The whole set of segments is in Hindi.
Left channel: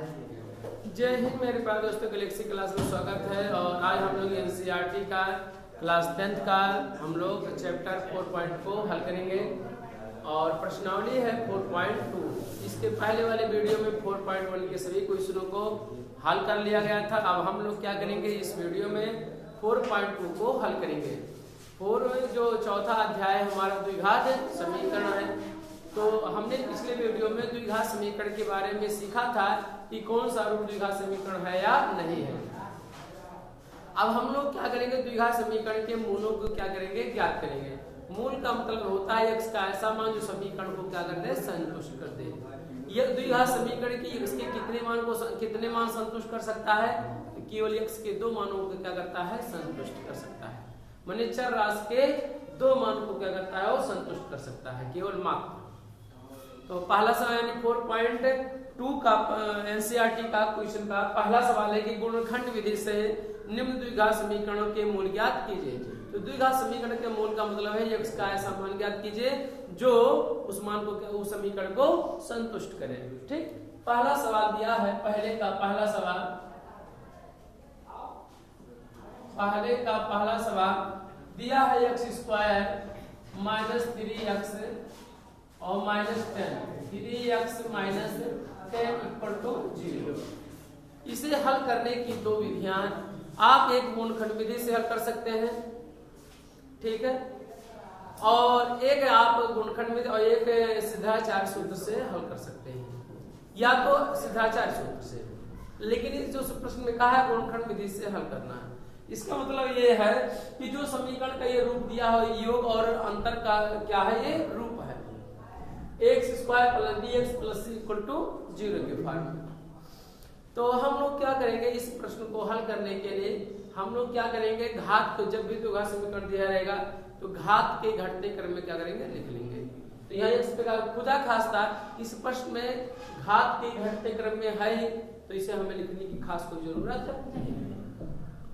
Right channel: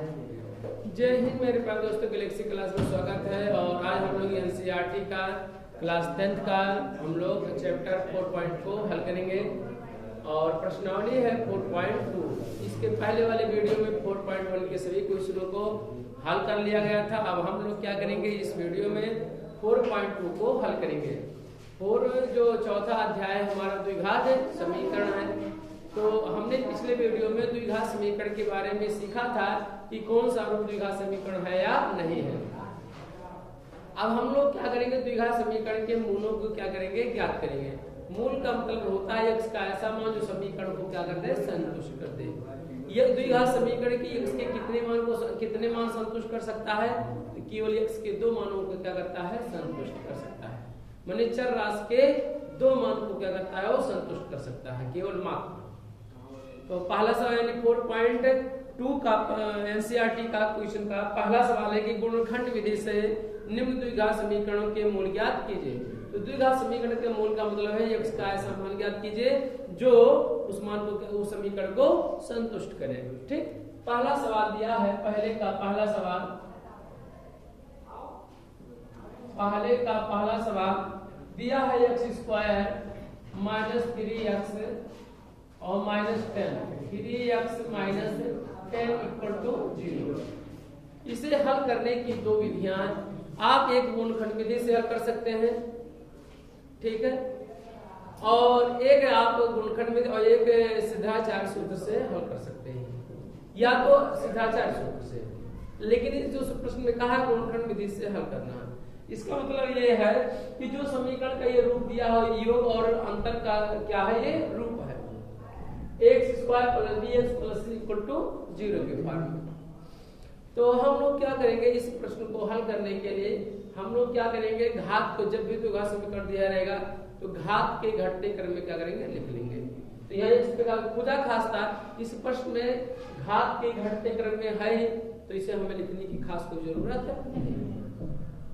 जय हिंद मेरे प्यारे दोस्तों, गैलेक्सी क्लास में स्वागत है। और आज हम लोग एनसीईआरटी का क्लास 10th का हम लोग चैप्टर 4.0 को हल करेंगे और प्रश्नावली है 4.2। इसके पहले वाले वीडियो में 4.1 के सभी क्वेश्चनों को हल कर लिया गया था। अब हम लोग क्या करेंगे, इस वीडियो में 4.2 को हल करेंगे। 4 जो चौथा अध्याय हमारा द्विघात समीकरण है। तो हमने पिछले वीडियो में द्विघात समीकरण के बारे में सीखा था कि कौन सा रूप द्विघात समीकरण है या नहीं है। अब हम लोग क्या करेंगे, द्विघात समीकरण के मूलों को क्या करेंगे, ज्ञात करेंगे। मूल का मतलब होता है x का ऐसा मान जो समीकरण को क्या कर दे, संतुष्ट कर दे। यह द्विघात समीकरण की x के कितने मान संतुष्ट कर सकता है, तो केवल x के 2 मानों को क्या करता है, संतुष्ट कर सकता है। माने चर राशि के 2 मान को क्या करता है, वो संतुष्ट कर सकता है, केवल मात्र। तो पहला सवाल यानी 4.2 का एनसीईआरटी का क्वेश्चन का पहला सवाल है कि गुणनखंड विधि से निम्न द्विघात समीकरणों के मूल ज्ञात कीजिए। तो द्विघात समीकरण के मूल का मतलब है x का ऐसा मान ज्ञात कीजिए जो उस मान को, उस समीकरण को संतुष्ट करे। ठीक, पहला सवाल दिया है। पहला सवाल दिया है x² माइनस 3x और minus 10, 3x minus 10 equal to 0। इसे हल करने की 2 विधियां आप एक गुणनखंड विधि से हल कर सकते हैं, ठीक है, और एक आप गुणनखंड विधि और एक सिद्धाचार सूत्र से हल कर सकते हैं, या तो सिद्धाचार सूत्र से। लेकिन इस जो प्रश्न में कहा है गुणनखंड विधि से हल करना, इसका मतलब ये है कि जो समीकरण का ये रूप दिया हो, योग और अंतर का क्या है, ये रूप है x² + bx + c = 0 के फॉर्म में। तो हम लोग क्या करेंगे, इस प्रश्न को हल करने के लिए हम लोग क्या करेंगे, घात को, जब भी द्विघात समीकरण दिया रहेगा तो घात के घटते क्रम में क्या करेंगे, लिख लेंगे। तो यहाँ इस प्रकार खुदा खास्ता इस प्रश्न में घात के घटते क्रम में है, तो इसे हमें लिखने की खास कोई जरूरत है,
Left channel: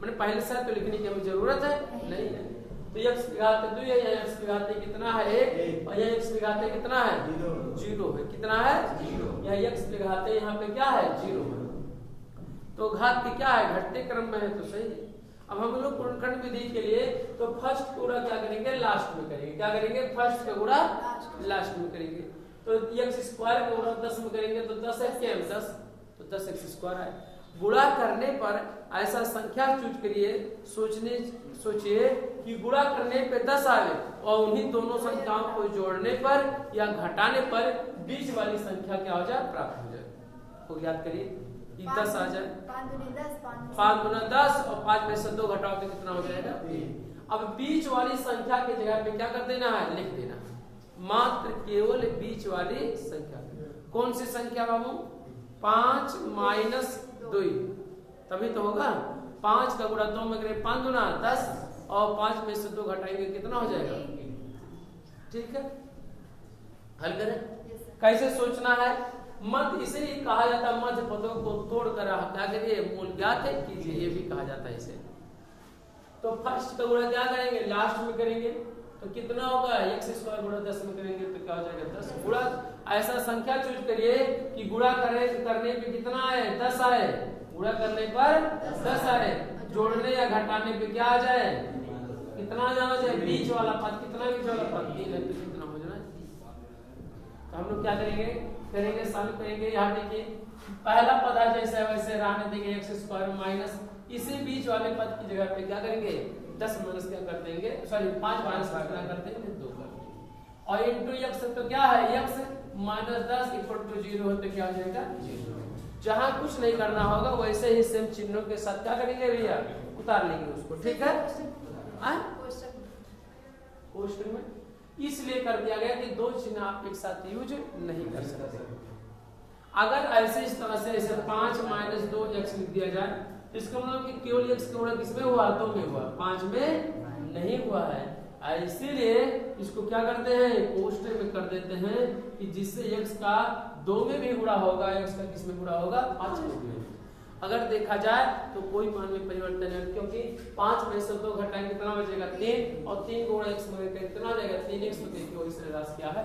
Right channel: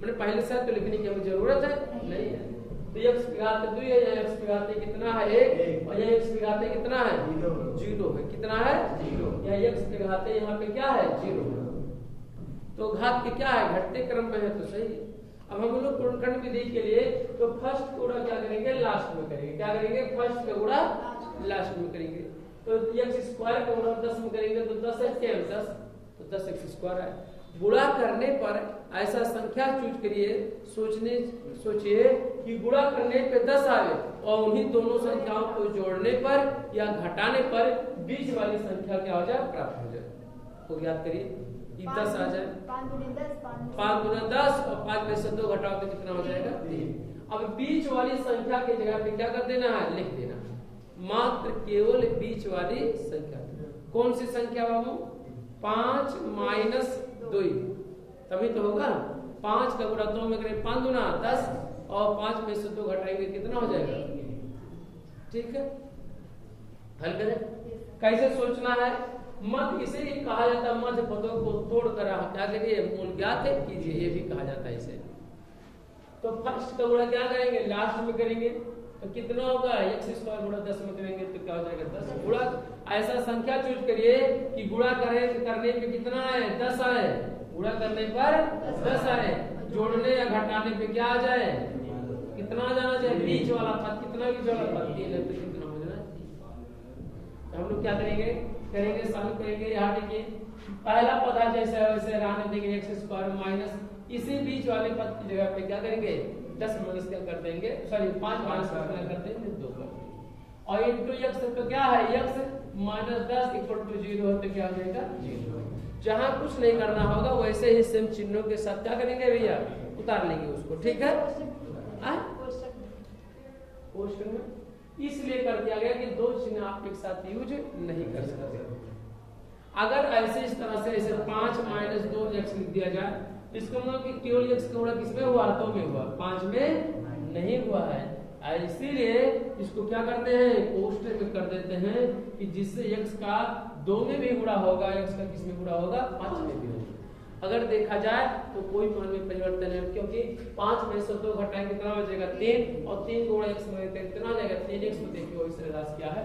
मैंने पहले से तो लिखने की हमें जरूरत है नहीं है। तो x की घात 2 है, या x की घात कितना है 1, और यह x की घात कितना है 0 है, कितना है 0, या x की घात यहाँ पे क्या है 0 है। तो घात के क्या है, घटते क्रम में है, तो सही है। अब हम लोग गुणनखंड विधि के लिए तो फर्स्ट का गुणा क्या करेंगे, लास्ट में करेंगे। क्या करेंगे, फर्स्ट का गुणा लास्ट में करेंगे। तो x² का गुणा 10 में करेंगे तो 10x के 10, तो 10x² है। गुणा करने पर ऐसा संख्या चूज करिए, सोचिए कि गुणा करने पे 10 आए और उन्हीं दोनों संख्याओं को जोड़ने पर या घटाने पर बीच वाली संख्या क्या हो जाए, प्राप्त हो जाए। तो याद करिए कि 10 आ जाए, 5 दूना 10 और 5 में से 2 घटाओ तो कितना हो जाएगा 3। अब बीच वाली संख्या के जगह पे क्या कर देना है, लिख देना है, मात्र केवल बीच वाली संख्या। कौन सी संख्या बाबू, 5 माइनस 2, तभी तो होगा। 5 का गुणा 2 में करें 5 दूना 10 और 5 में से 2 घटाएंगे कितना हो जाएगा, ठीक है। हल करें, कैसे सोचना है, मध्य इसे ही कहा जाता है, मध्य पदों को तोड़कर क्या करिए, मूल ज्ञात कीजिए, ये भी कहा जाता है इसे। तो फर्स्ट का गुणा क्या करेंगे, लास्ट में करेंगे, तो कितना होगा, x² गुणा 10 में करेंगे तो क्या हो जाएगा 10। गुणा ऐसा संख्या चूज करिए कि गुणा करने पे कितना आए, 10 आए, गुणा करने पर 10 आए, जोड़ने या घटाने पे क्या आ जाए, कितना जाना चाहिए, बीच वाला पद, कितना बीच वाला पद, 3 है तो कितना हो जाए। तो हम लोग क्या करेंगे, सॉल्व करेंगे। यहाँ देखिए पहला पद है जैसे वैसे रहने देंगे, x² माइनस इसी बीच वाले पद की जगह पे क्या करेंगे, 10 माइनस क्या कर देंगे, सॉरी 5 माइनस कर देंगे 2 कर देंगे, और इनटू x तो क्या है, x माइनस 10 इक्वल टू 0 है, तो क्या हो जाएगा 0। जहां कुछ नहीं करना होगा वैसे ही सेम चिन्हों के साथ क्या करेंगे भैया, उतार लेंगे उसको, ठीक है। क्वेश्चन में इसलिए कर दिया गया कि 2 चिन्ह आप एक साथ यूज नहीं कर सकते। अगर ऐसे इस तरह से ऐसे 5 माइनस 2x लिख दिया जाए, इसका मतलब कि केवल x का गुणा किसमें हुआ, 2 में हुआ, 5 में नहीं हुआ है। इसीलिए इसको क्या करते हैं, कोष्टक में कर देते हैं कि जिससे x का 2 में भी गुणा होगा, x का किस में गुणा होगा, 5 में भी। अगर देखा जाए तो कोई मान में परिवर्तन है, क्योंकि 5 में से 2 घटाएंगे कितना बचेगा 3, और 3 गुणा x में कितना लेगा 3x, में देखिए इस राशि क्या है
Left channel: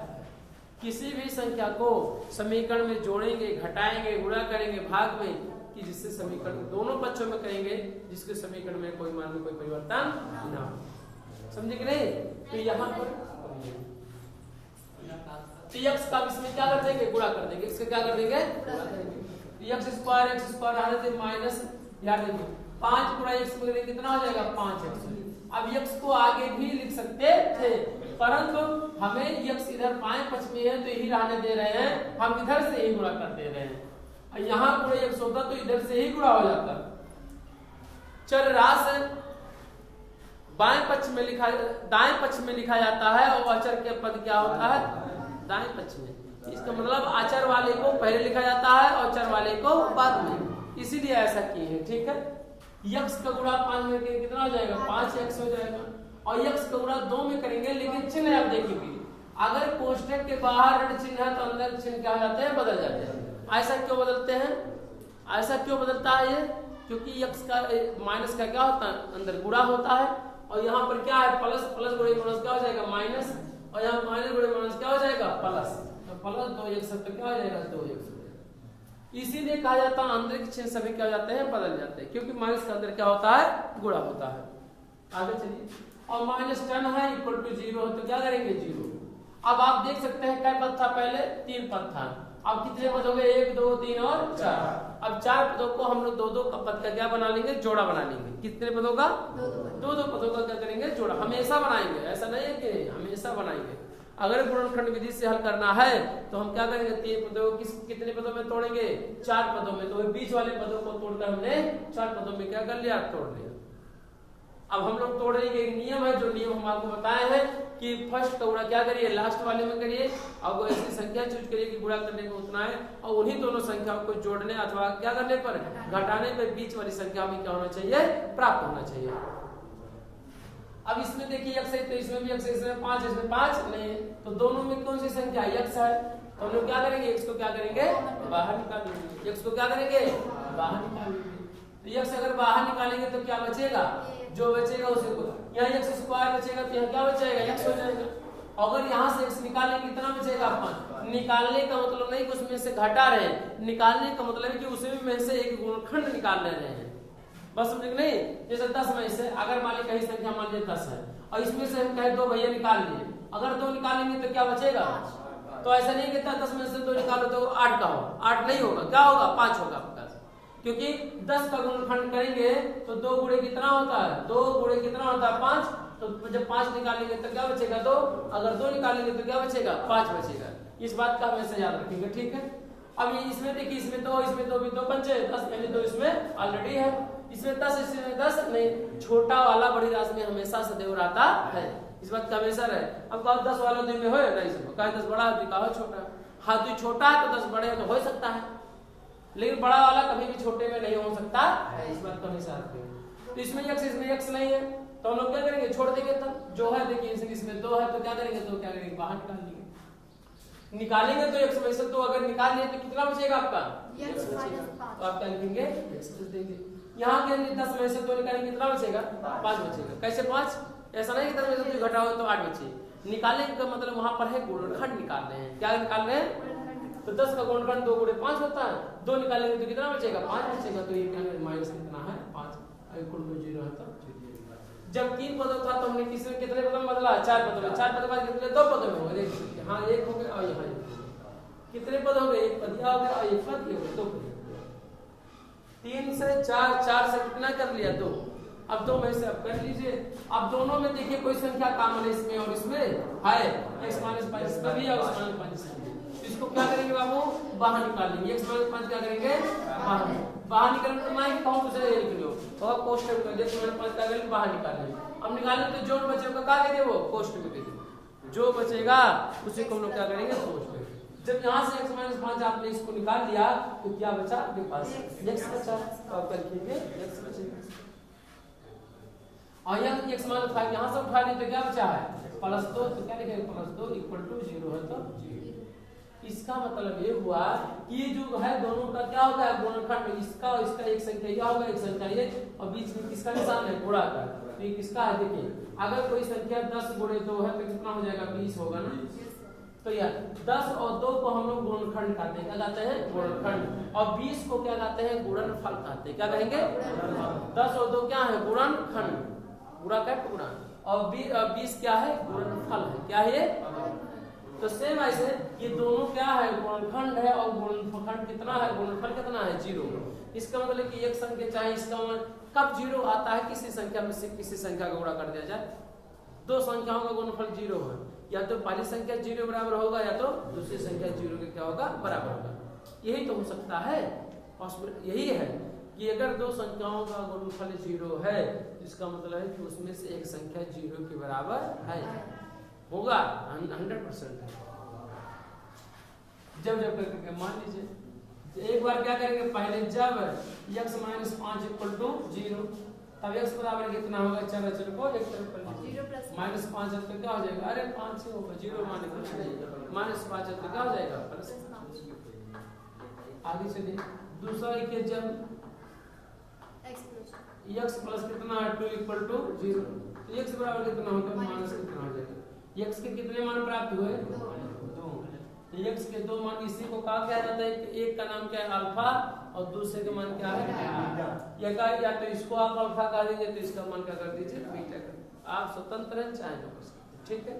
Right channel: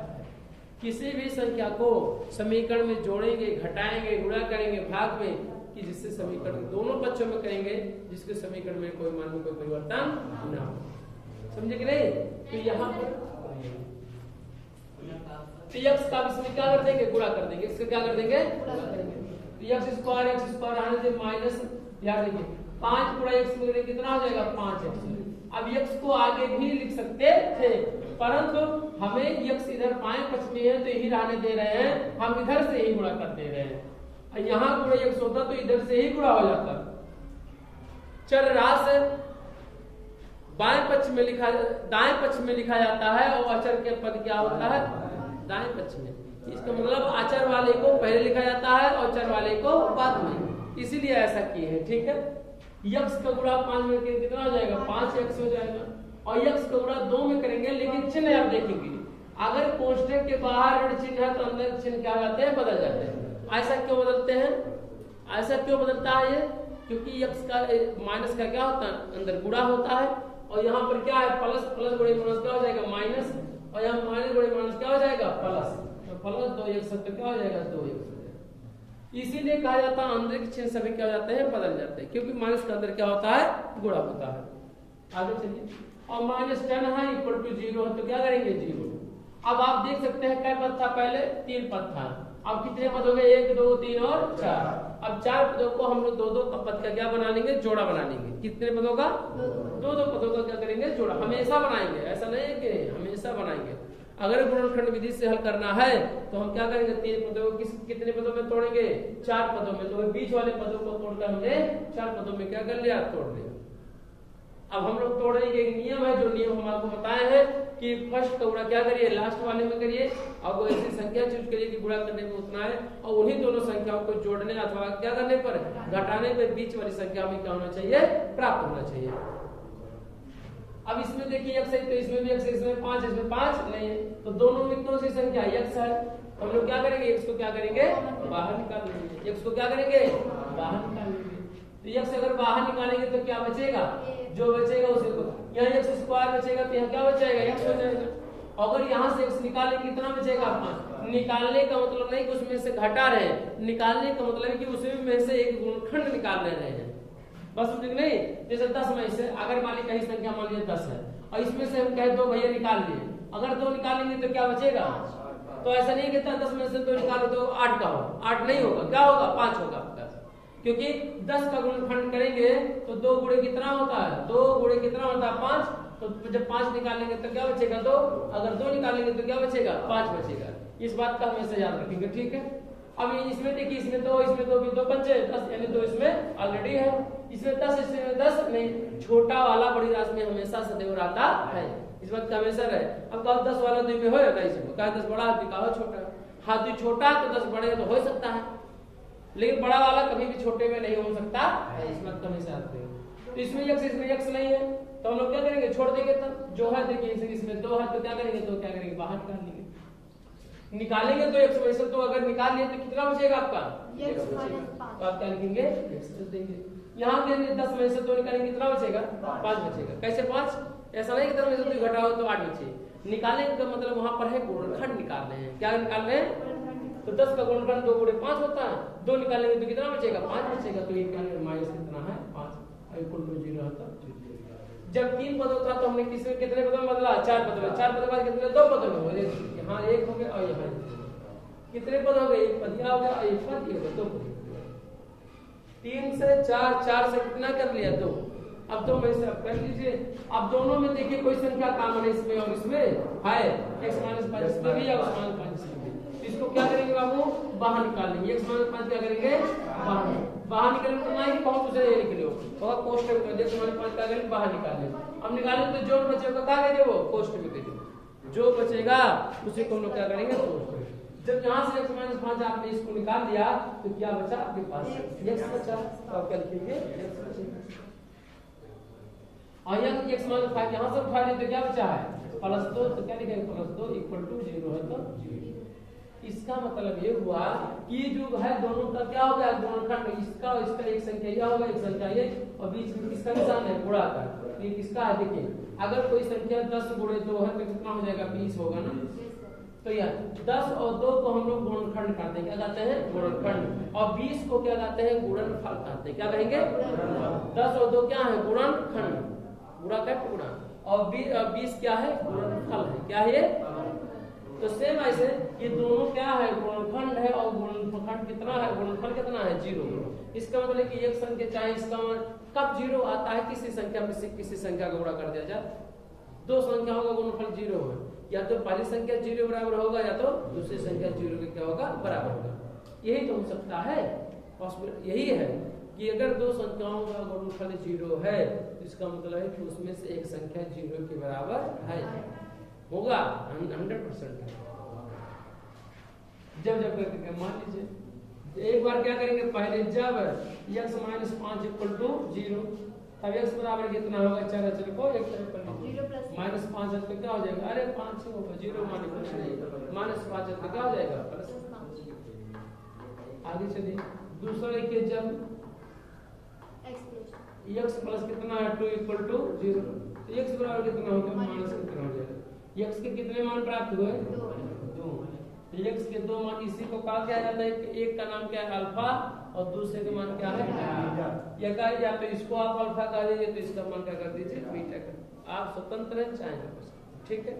किसी भी संख्या को समीकरण में जोड़ेंगे, घटाएंगे, गुणा करेंगे भाग में, कि जिससे समीकरण दोनों पक्षों में करेंगे जिसके समीकरण में कोई मान में कोई परिवर्तन ना हो। समझे कि नहीं? तो यहाँ पर x का इसमें क्या कर देंगे? गुणा कर देंगे। इससे क्या कर देंगे? गुणा करेंगे। x स्क्वायर आने से माइनस, याद रखिए 5 गुणा x करेंगे कितना हो जाएगा? 5x। अब x को आगे भी लिख सकते थे, परंतु हमें x इधर बाएं पक्ष में है तो यही रहने दे रहे हैं, हम इधर से ही गुणा कर दे रहे हैं। यहाँ गुणा x होता तो इधर से ही गुणा हो जाता। चल राशि बाएं पक्ष में लिखा, दाएं पक्ष में लिखा जाता है और अचर के पद क्या होता है? दाएं पक्ष में। इसका मतलब अचर वाले को पहले लिखा जाता है और चर वाले को बाद में, इसीलिए ऐसा किए हैं। ठीक है, x का गुणा 5 में करेंगे कितना हो जाएगा? 5x हो जाएगा। और x का गुणा 2 में करेंगे, लेकिन चिन्ह आप देखेंगे अगर कोष्ठक के बाहर ऋण चिन्ह है तो अंदर चिन्ह क्या हो जाते हैं? बदल जाते हैं। ऐसा क्यों बदलते हैं? ऐसा क्यों बदलता है ये? क्योंकि x का माइनस का क्या होता है? अंदर गुणा होता है, और यहाँ पर क्या है? प्लस, प्लस गुणे माइनस क्या हो जाएगा? माइनस, और यहाँ माइनस गुणे माइनस क्या हो जाएगा? प्लस। तो प्लस 2x तो क्या हो जाएगा? 2x। इसीलिए कहा जाता है अंदर के चिन्ह सभी क्या हो जाते हैं? बदल जाते हैं, क्योंकि माइनस के अंदर क्या होता है? गुणा होता है। आगे चलिए, और -10 है इक्वल टू 0 है तो क्या करेंगे? 0। अब आप देख सकते हैं क्या पद था? पहले 3 पद था। अब कितने पद हो गए? 1 2 3 और 4। अब 4 पदों को हम लोग 2 पद का क्या बना लेंगे? जोड़ा बना लेंगे। कितने पदों का? 2 पदों का क्या करेंगे? जोड़ा। हमेशा बनाएंगे, ऐसा नहीं है कि हमेशा बनाएंगे। अगर गुणनखंड विधि से हल करना है तो हम क्या करेंगे? 3 पदों को कितने पदों में तोड़ेंगे? 4 पदों में। तो बीच वाले पदों को तोड़कर हमने 4 पदों में क्या कर लिया? तोड़ लिया। अब हम लोग तोड़ेंगे। एक नियम है, जो नियम हम आपको बताए हैं कि फर्स्ट का गुणा क्या करिए? लास्ट वाले में करिए। अब वो ऐसी संख्या चूज करिए कि गुणा करने में उतना है, और उन्हीं दोनों संख्याओं को जोड़ने अथवा क्या करने पर? घटाने पर बीच वाली संख्या में क्या होना चाहिए? प्राप्त होना चाहिए। अब इसमें देखिए x है तो इसमें भी x है, इसमें 5, इसमें 5 नहीं है, तो दोनों में कौन सी संख्या x है? तो हम लोग क्या करेंगे? x को क्या करेंगे? बाहर निकालेंगे। x को क्या करेंगे? बाहर निकालेंगे। तो x अगर बाहर निकालेंगे तो क्या बचेगा? जो बचेगा उसे को यहाँ x स्क्वायर बचेगा तो यहाँ क्या बचेगा? x हो जाएगा। अगर यहाँ से x निकालेंगे कितना बचेगा? 5। निकालने का मतलब नहीं कि उसमें से घटा रहे हैं, निकालने का मतलब है कि उसमें से एक गुणनखंड निकाल ले रहे हैं। बस समझ नहीं? जैसे 10 में से अगर मान ली कहीं संख्या मान लीजिए 10 है और इसमें से हम कहे 2 भैया निकाल लिए, अगर 2 निकालेंगे तो क्या बचेगा? तो ऐसा नहीं कहता 10 में से 2 निकालो तो 8 का होगा, 8 नहीं होगा, क्या होगा? 5 होगा आपका। क्योंकि 10 का गुणनखंड करेंगे तो 2 गुणे कितना होता है? 2 गुणे कितना होता है? 5। तो जब 5 निकालेंगे तो क्या बचेगा? 2। अगर 2 निकालेंगे तो क्या बचेगा? 5 बचेगा। इस बात का हमेशा याद रखेंगे। ठीक है, अब इसमें देखिए इसमें 2 भी 2 पंचे 10, यानी 2 इसमें ऑलरेडी है। इसमें 10, इसमें 10 नहीं, छोटा वाला बड़ी राशि में हमेशा सदैव रहता है। इस बात का हमेशा रहे। अब 10 वाला 2 में हो जाता है, इसमें कहा 10 बड़ा है, कहा छोटा। हाँ, 2 छोटा है तो 10 बड़े है तो हो सकता है, लेकिन बड़ा वाला कभी भी छोटे में नहीं हो सकता है। इस बात का हमेशा रखेंगे। तो इसमें x, इसमें x नहीं है तो हम लोग क्या करेंगे? छोड़ देंगे। तब जो है देखिए इसमें 2 है तो क्या करेंगे? तो क्या करेंगे? बाहर निकाल लेंगे। निकालेंगे तो x में से तो अगर निकाल लिए तो कितना बचेगा आपका? x बचेगा। तो आप क्या लिखेंगे? x देंगे। यहाँ के 10 में से 2 निकालेंगे कितना बचेगा? 5 बचेगा। कैसे 5? ऐसा नहीं कि 10 में से 2 घटाओ तो 8 बचे। निकालने का मतलब वहां पर है गुणनखंड निकाल रहे हैं। क्या निकाल रहे हैं? तो 10 का गुणनखंड 2 गुणे 5 होता है। 2 निकालेंगे तो कितना बचेगा? 5 बचेगा। तो ये क्या माइनस कितना है? 5 इक्वल टू 0 होता। जब 3 पदों था तो हमने कितने पदों में बदला? 4 पदों में। 4 पदों बाद कितने? 2 पदों में हो गए। हाँ, 1 हो गया और यहाँ कितने पद हो गए? 1 पद यहाँ हो गया और 1 पद ये हो गया, 2 पद। 3 से 4, 4 से कितना कर लिया? 2। अब 2 में से अब कर लीजिए। अब दोनों में देखिए कोई संख्या कॉमन है इसमें और इसमें है, x - 5 इसमें भी और x - 5 इसमें। इसको क्या करेंगे बाबू? बाहर निकालेंगे। x - 5 क्या करेंगे? बाहर निकालेंगे तो नहीं कहूं उसे ये लिख लो और कोष्ठक में x - 5 क्या करेंगे? बाहर निकालेंगे। अब निकालेंगे तो जो बचेगा क्या करेंगे? वो कोष्ठक में देंगे। जो बचेगा उसी को हम लोग क्या करेंगे? कोष्ठक। जब यहाँ से x - 5 आपने इसको निकाल लिया तो क्या बचा आपके पास? x बचा। तो आप क्या लिखेंगे? x बचेगा। और यहाँ x - 5 यहाँ से उठा लिए तो क्या बचा है? +2। तो क्या लिखेंगे? +2 इक्वल टू 0 है तो 0। इसका मतलब ये हुआ कि जो है दोनों का क्या हो गया? गुणनखंड। इसका और इसका एक संख्या यह होगा, एक संख्या ये, और बीच में किसका निशान है? गुणा का। तो ये किसका है? देखिए अगर कोई संख्या 10 गुणे 2 है तो कितना हो जाएगा? 20 होगा ना। तो यह 10 और 2 को हम लोग गुणनखंड कहते हैं, क्या कहते हैं गुणनखंड, और 20 को क्या कहते हैं गुणनफल कहते हैं, क्या कहेंगे 10 और 2 क्या है गुणनखंड, गुणा का गुणा, और 20 क्या है गुणनफल है, क्या है ये। तो सेम ऐसे ये दोनों क्या है गुणनखंड है, और गुणनखंड कितना है गुणनफल कितना है 0। इसका मतलब कि एक संख्या चाहे इसका कब 0 आता है, किसी संख्या में से किसी संख्या का गुणा कर दिया जाए, दो संख्याओं का गुणनफल 0 है, या तो पहली संख्या 0 बराबर होगा या तो दूसरी संख्या 0 के क्या होगा बराबर होगा। यही तो हो सकता है, यही है कि अगर दो संख्याओं का गुणनफल 0 है तो इसका मतलब है कि उसमें से एक संख्या 0 के बराबर है, होगा 100%। जब करके मान लीजिए एक बार क्या करेंगे, पहले जब x - 5 = 0 तब x बराबर कितना होगा, चलो चलो को एक तरफ कर लीजिए, -5 है तो क्या हो जाएगा, अरे 5 ही होगा, 0 माने कुछ नहीं, -5 है तो क्या हो जाएगा +5। आगे चलिए दूसरा देखिए, जब x प्लस कितना है 2 = 0 तो x बराबर कितना होगा, माइनस कितना हो जाएगा, x के कितने मान प्राप्त हुए 2, x के 2 मान, इसी को कहा क्या जाता है कि एक का नाम क्या है अल्फा और दूसरे का मान क्या है बीटा, या तो इसको आप अल्फा कह दीजिए तो इसका मान क्या कर दीजिए बीटा कर, आप स्वतंत्र हैं चाहे ना कर सकते, ठीक है।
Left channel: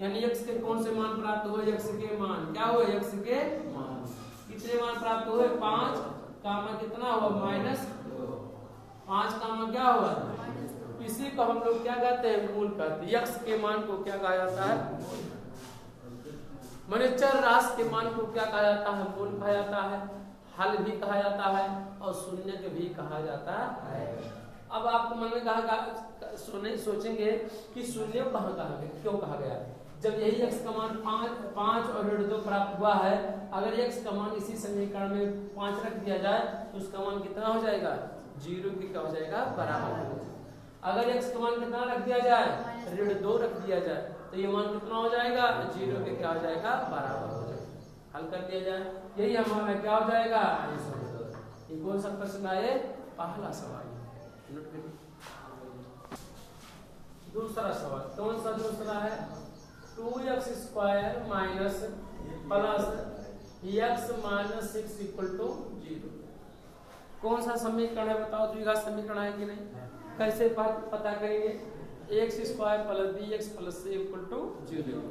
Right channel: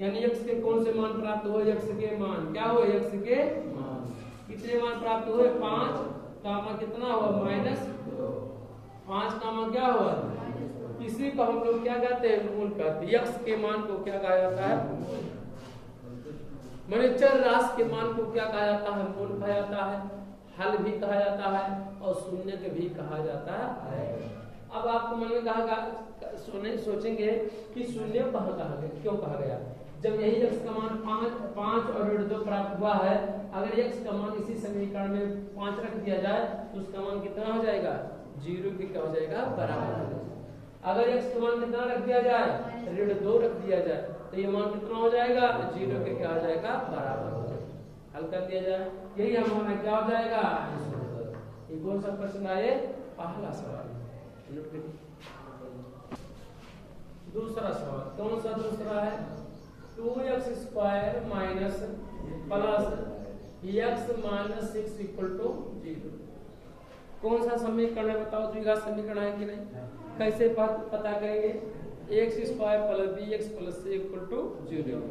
यानी x के कौन से मान प्राप्त हुए, x के मान क्या हुए, x के मान कितने मान प्राप्त हुए 5 का मान कितना हुआ -5 का मान क्या हुआ, इसी को हम लोग क्या कहते हैं मूल कहते हैं। x के मान को क्या कहा जाता है, माने चर राशि के मान को क्या कहा जाता है, मूल कहा जाता है, हल भी कहा जाता है और शून्य के भी कहा जाता है। अब आपको मन में कहा सोचेंगे कि शून्य कहाँ कहा गया, क्यों कहा गया, जब यही x का मान 5 और 2 प्राप्त हुआ है, अगर x का मान इसी समीकरण में 5 रख दिया जाए तो उसका मान कितना हो जाएगा 0 के क्या हो जाएगा बराबर हो जाएगा। अगर x का मान कितना रख दिया जाए 2 रख दिया जाए तो ये मान कितना हो जाएगा 0 के क्या हो जाएगा बराबर हो जाएगा। हल कर दिया जाए, यही हमारा क्या हो जाएगा, ये कौन सा प्रश्न आए, पहला सवाल। नोट करिए दूसरा सवाल, कौन सा दूसरा है, 2x² माइनस प्लस x - 6 = 0। कौन सा समीकरण है बताओ, द्विघात समीकरण है कि नहीं, कैसे पता करेंगे, x² + bx + c = 0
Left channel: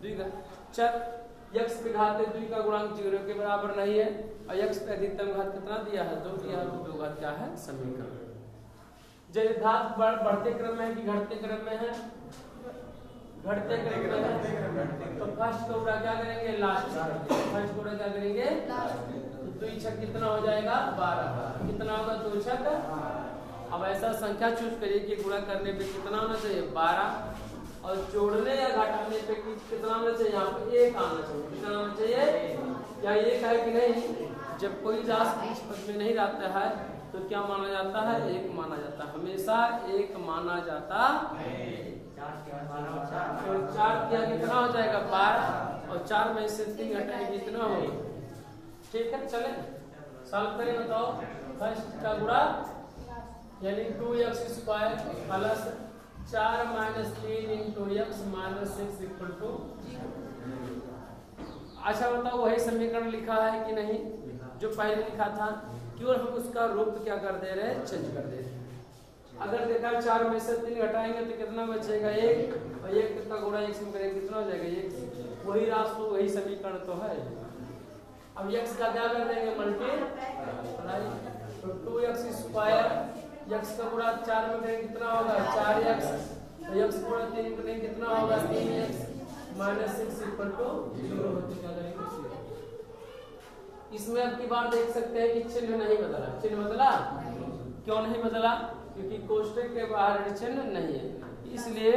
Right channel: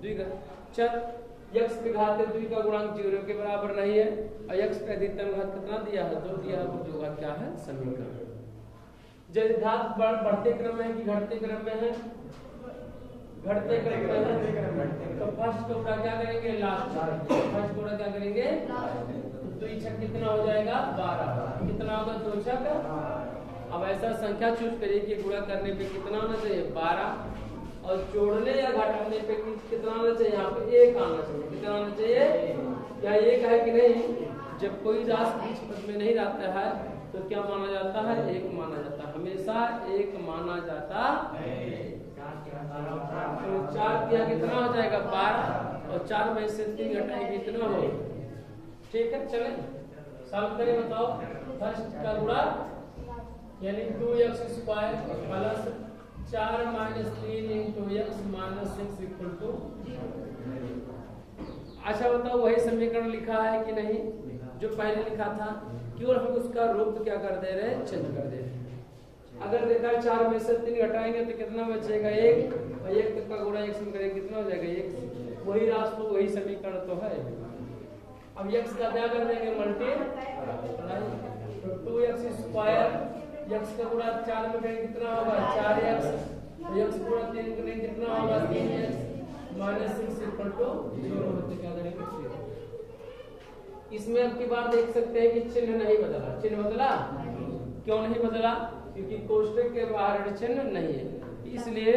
द्विघात। चल x के घात 2 का गुणांक 0 के बराबर नहीं है और x पे अधिकतम घात कितना दिया है 2 दिया है, 2 घात क्या है समीकरण। जब घात बढ़ते क्रम में है कि घटते क्रम में है, घटते क्रम में है तो फर्स्ट को पूरा क्या करेंगे लास्ट, फर्स्ट को क्या करेंगे 2 छक कितना हो जाएगा 12, कितना होगा 2 छक। अब ऐसा संख्या चूज करिए कि गुणा करने पे कितना होना चाहिए 12 और जोड़ने या घटाने पे कितना आना चाहिए, यहाँ पे 1 आना चाहिए, कितना आना चाहिए, क्या 1 है कि नहीं। जब कोई राशि इस पद में नहीं रहता है तो क्या माना जाता है 1 माना जाता है, हमेशा 1 माना जाता है। तो 4 किया कितना हो जाएगा 12 और 4 में से 3 घटाएंगे कितना हो, ठीक है। चले सॉल्व करें, बताओ फर्स्ट का गुणा यानी 2x² प्लस 4 - 3 × x - 6 = 0। अच्छा बताओ वही समीकरण लिखा है कि नहीं जो पहले लिखा था, केवल हम उसका रूप क्या कर दे रहे हैं चेंज कर दे रहे हैं। अगर देखा 4 में से 3 घटाएंगे तो कितना बचेगा 1 और 1 का गुणा x में करेंगे कितना हो जाएगा 1, वही राशि तो वही समीकरण तो है। अब x का क्या कर देंगे मल्टीप्लाई, तो 2x² x का गुणा 4 में करेंगे कितना होगा 4x, x गुणा 3 करेंगे कितना होगा 3x - 6 = 0 होते क्या करेंगे। इसमें अब की बार देख सकते हैं कि चिन्ह नहीं बदला, चिन्ह बदला क्यों नहीं बदला, क्योंकि कोष्टक के बाहर चिन्ह नहीं है, इसलिए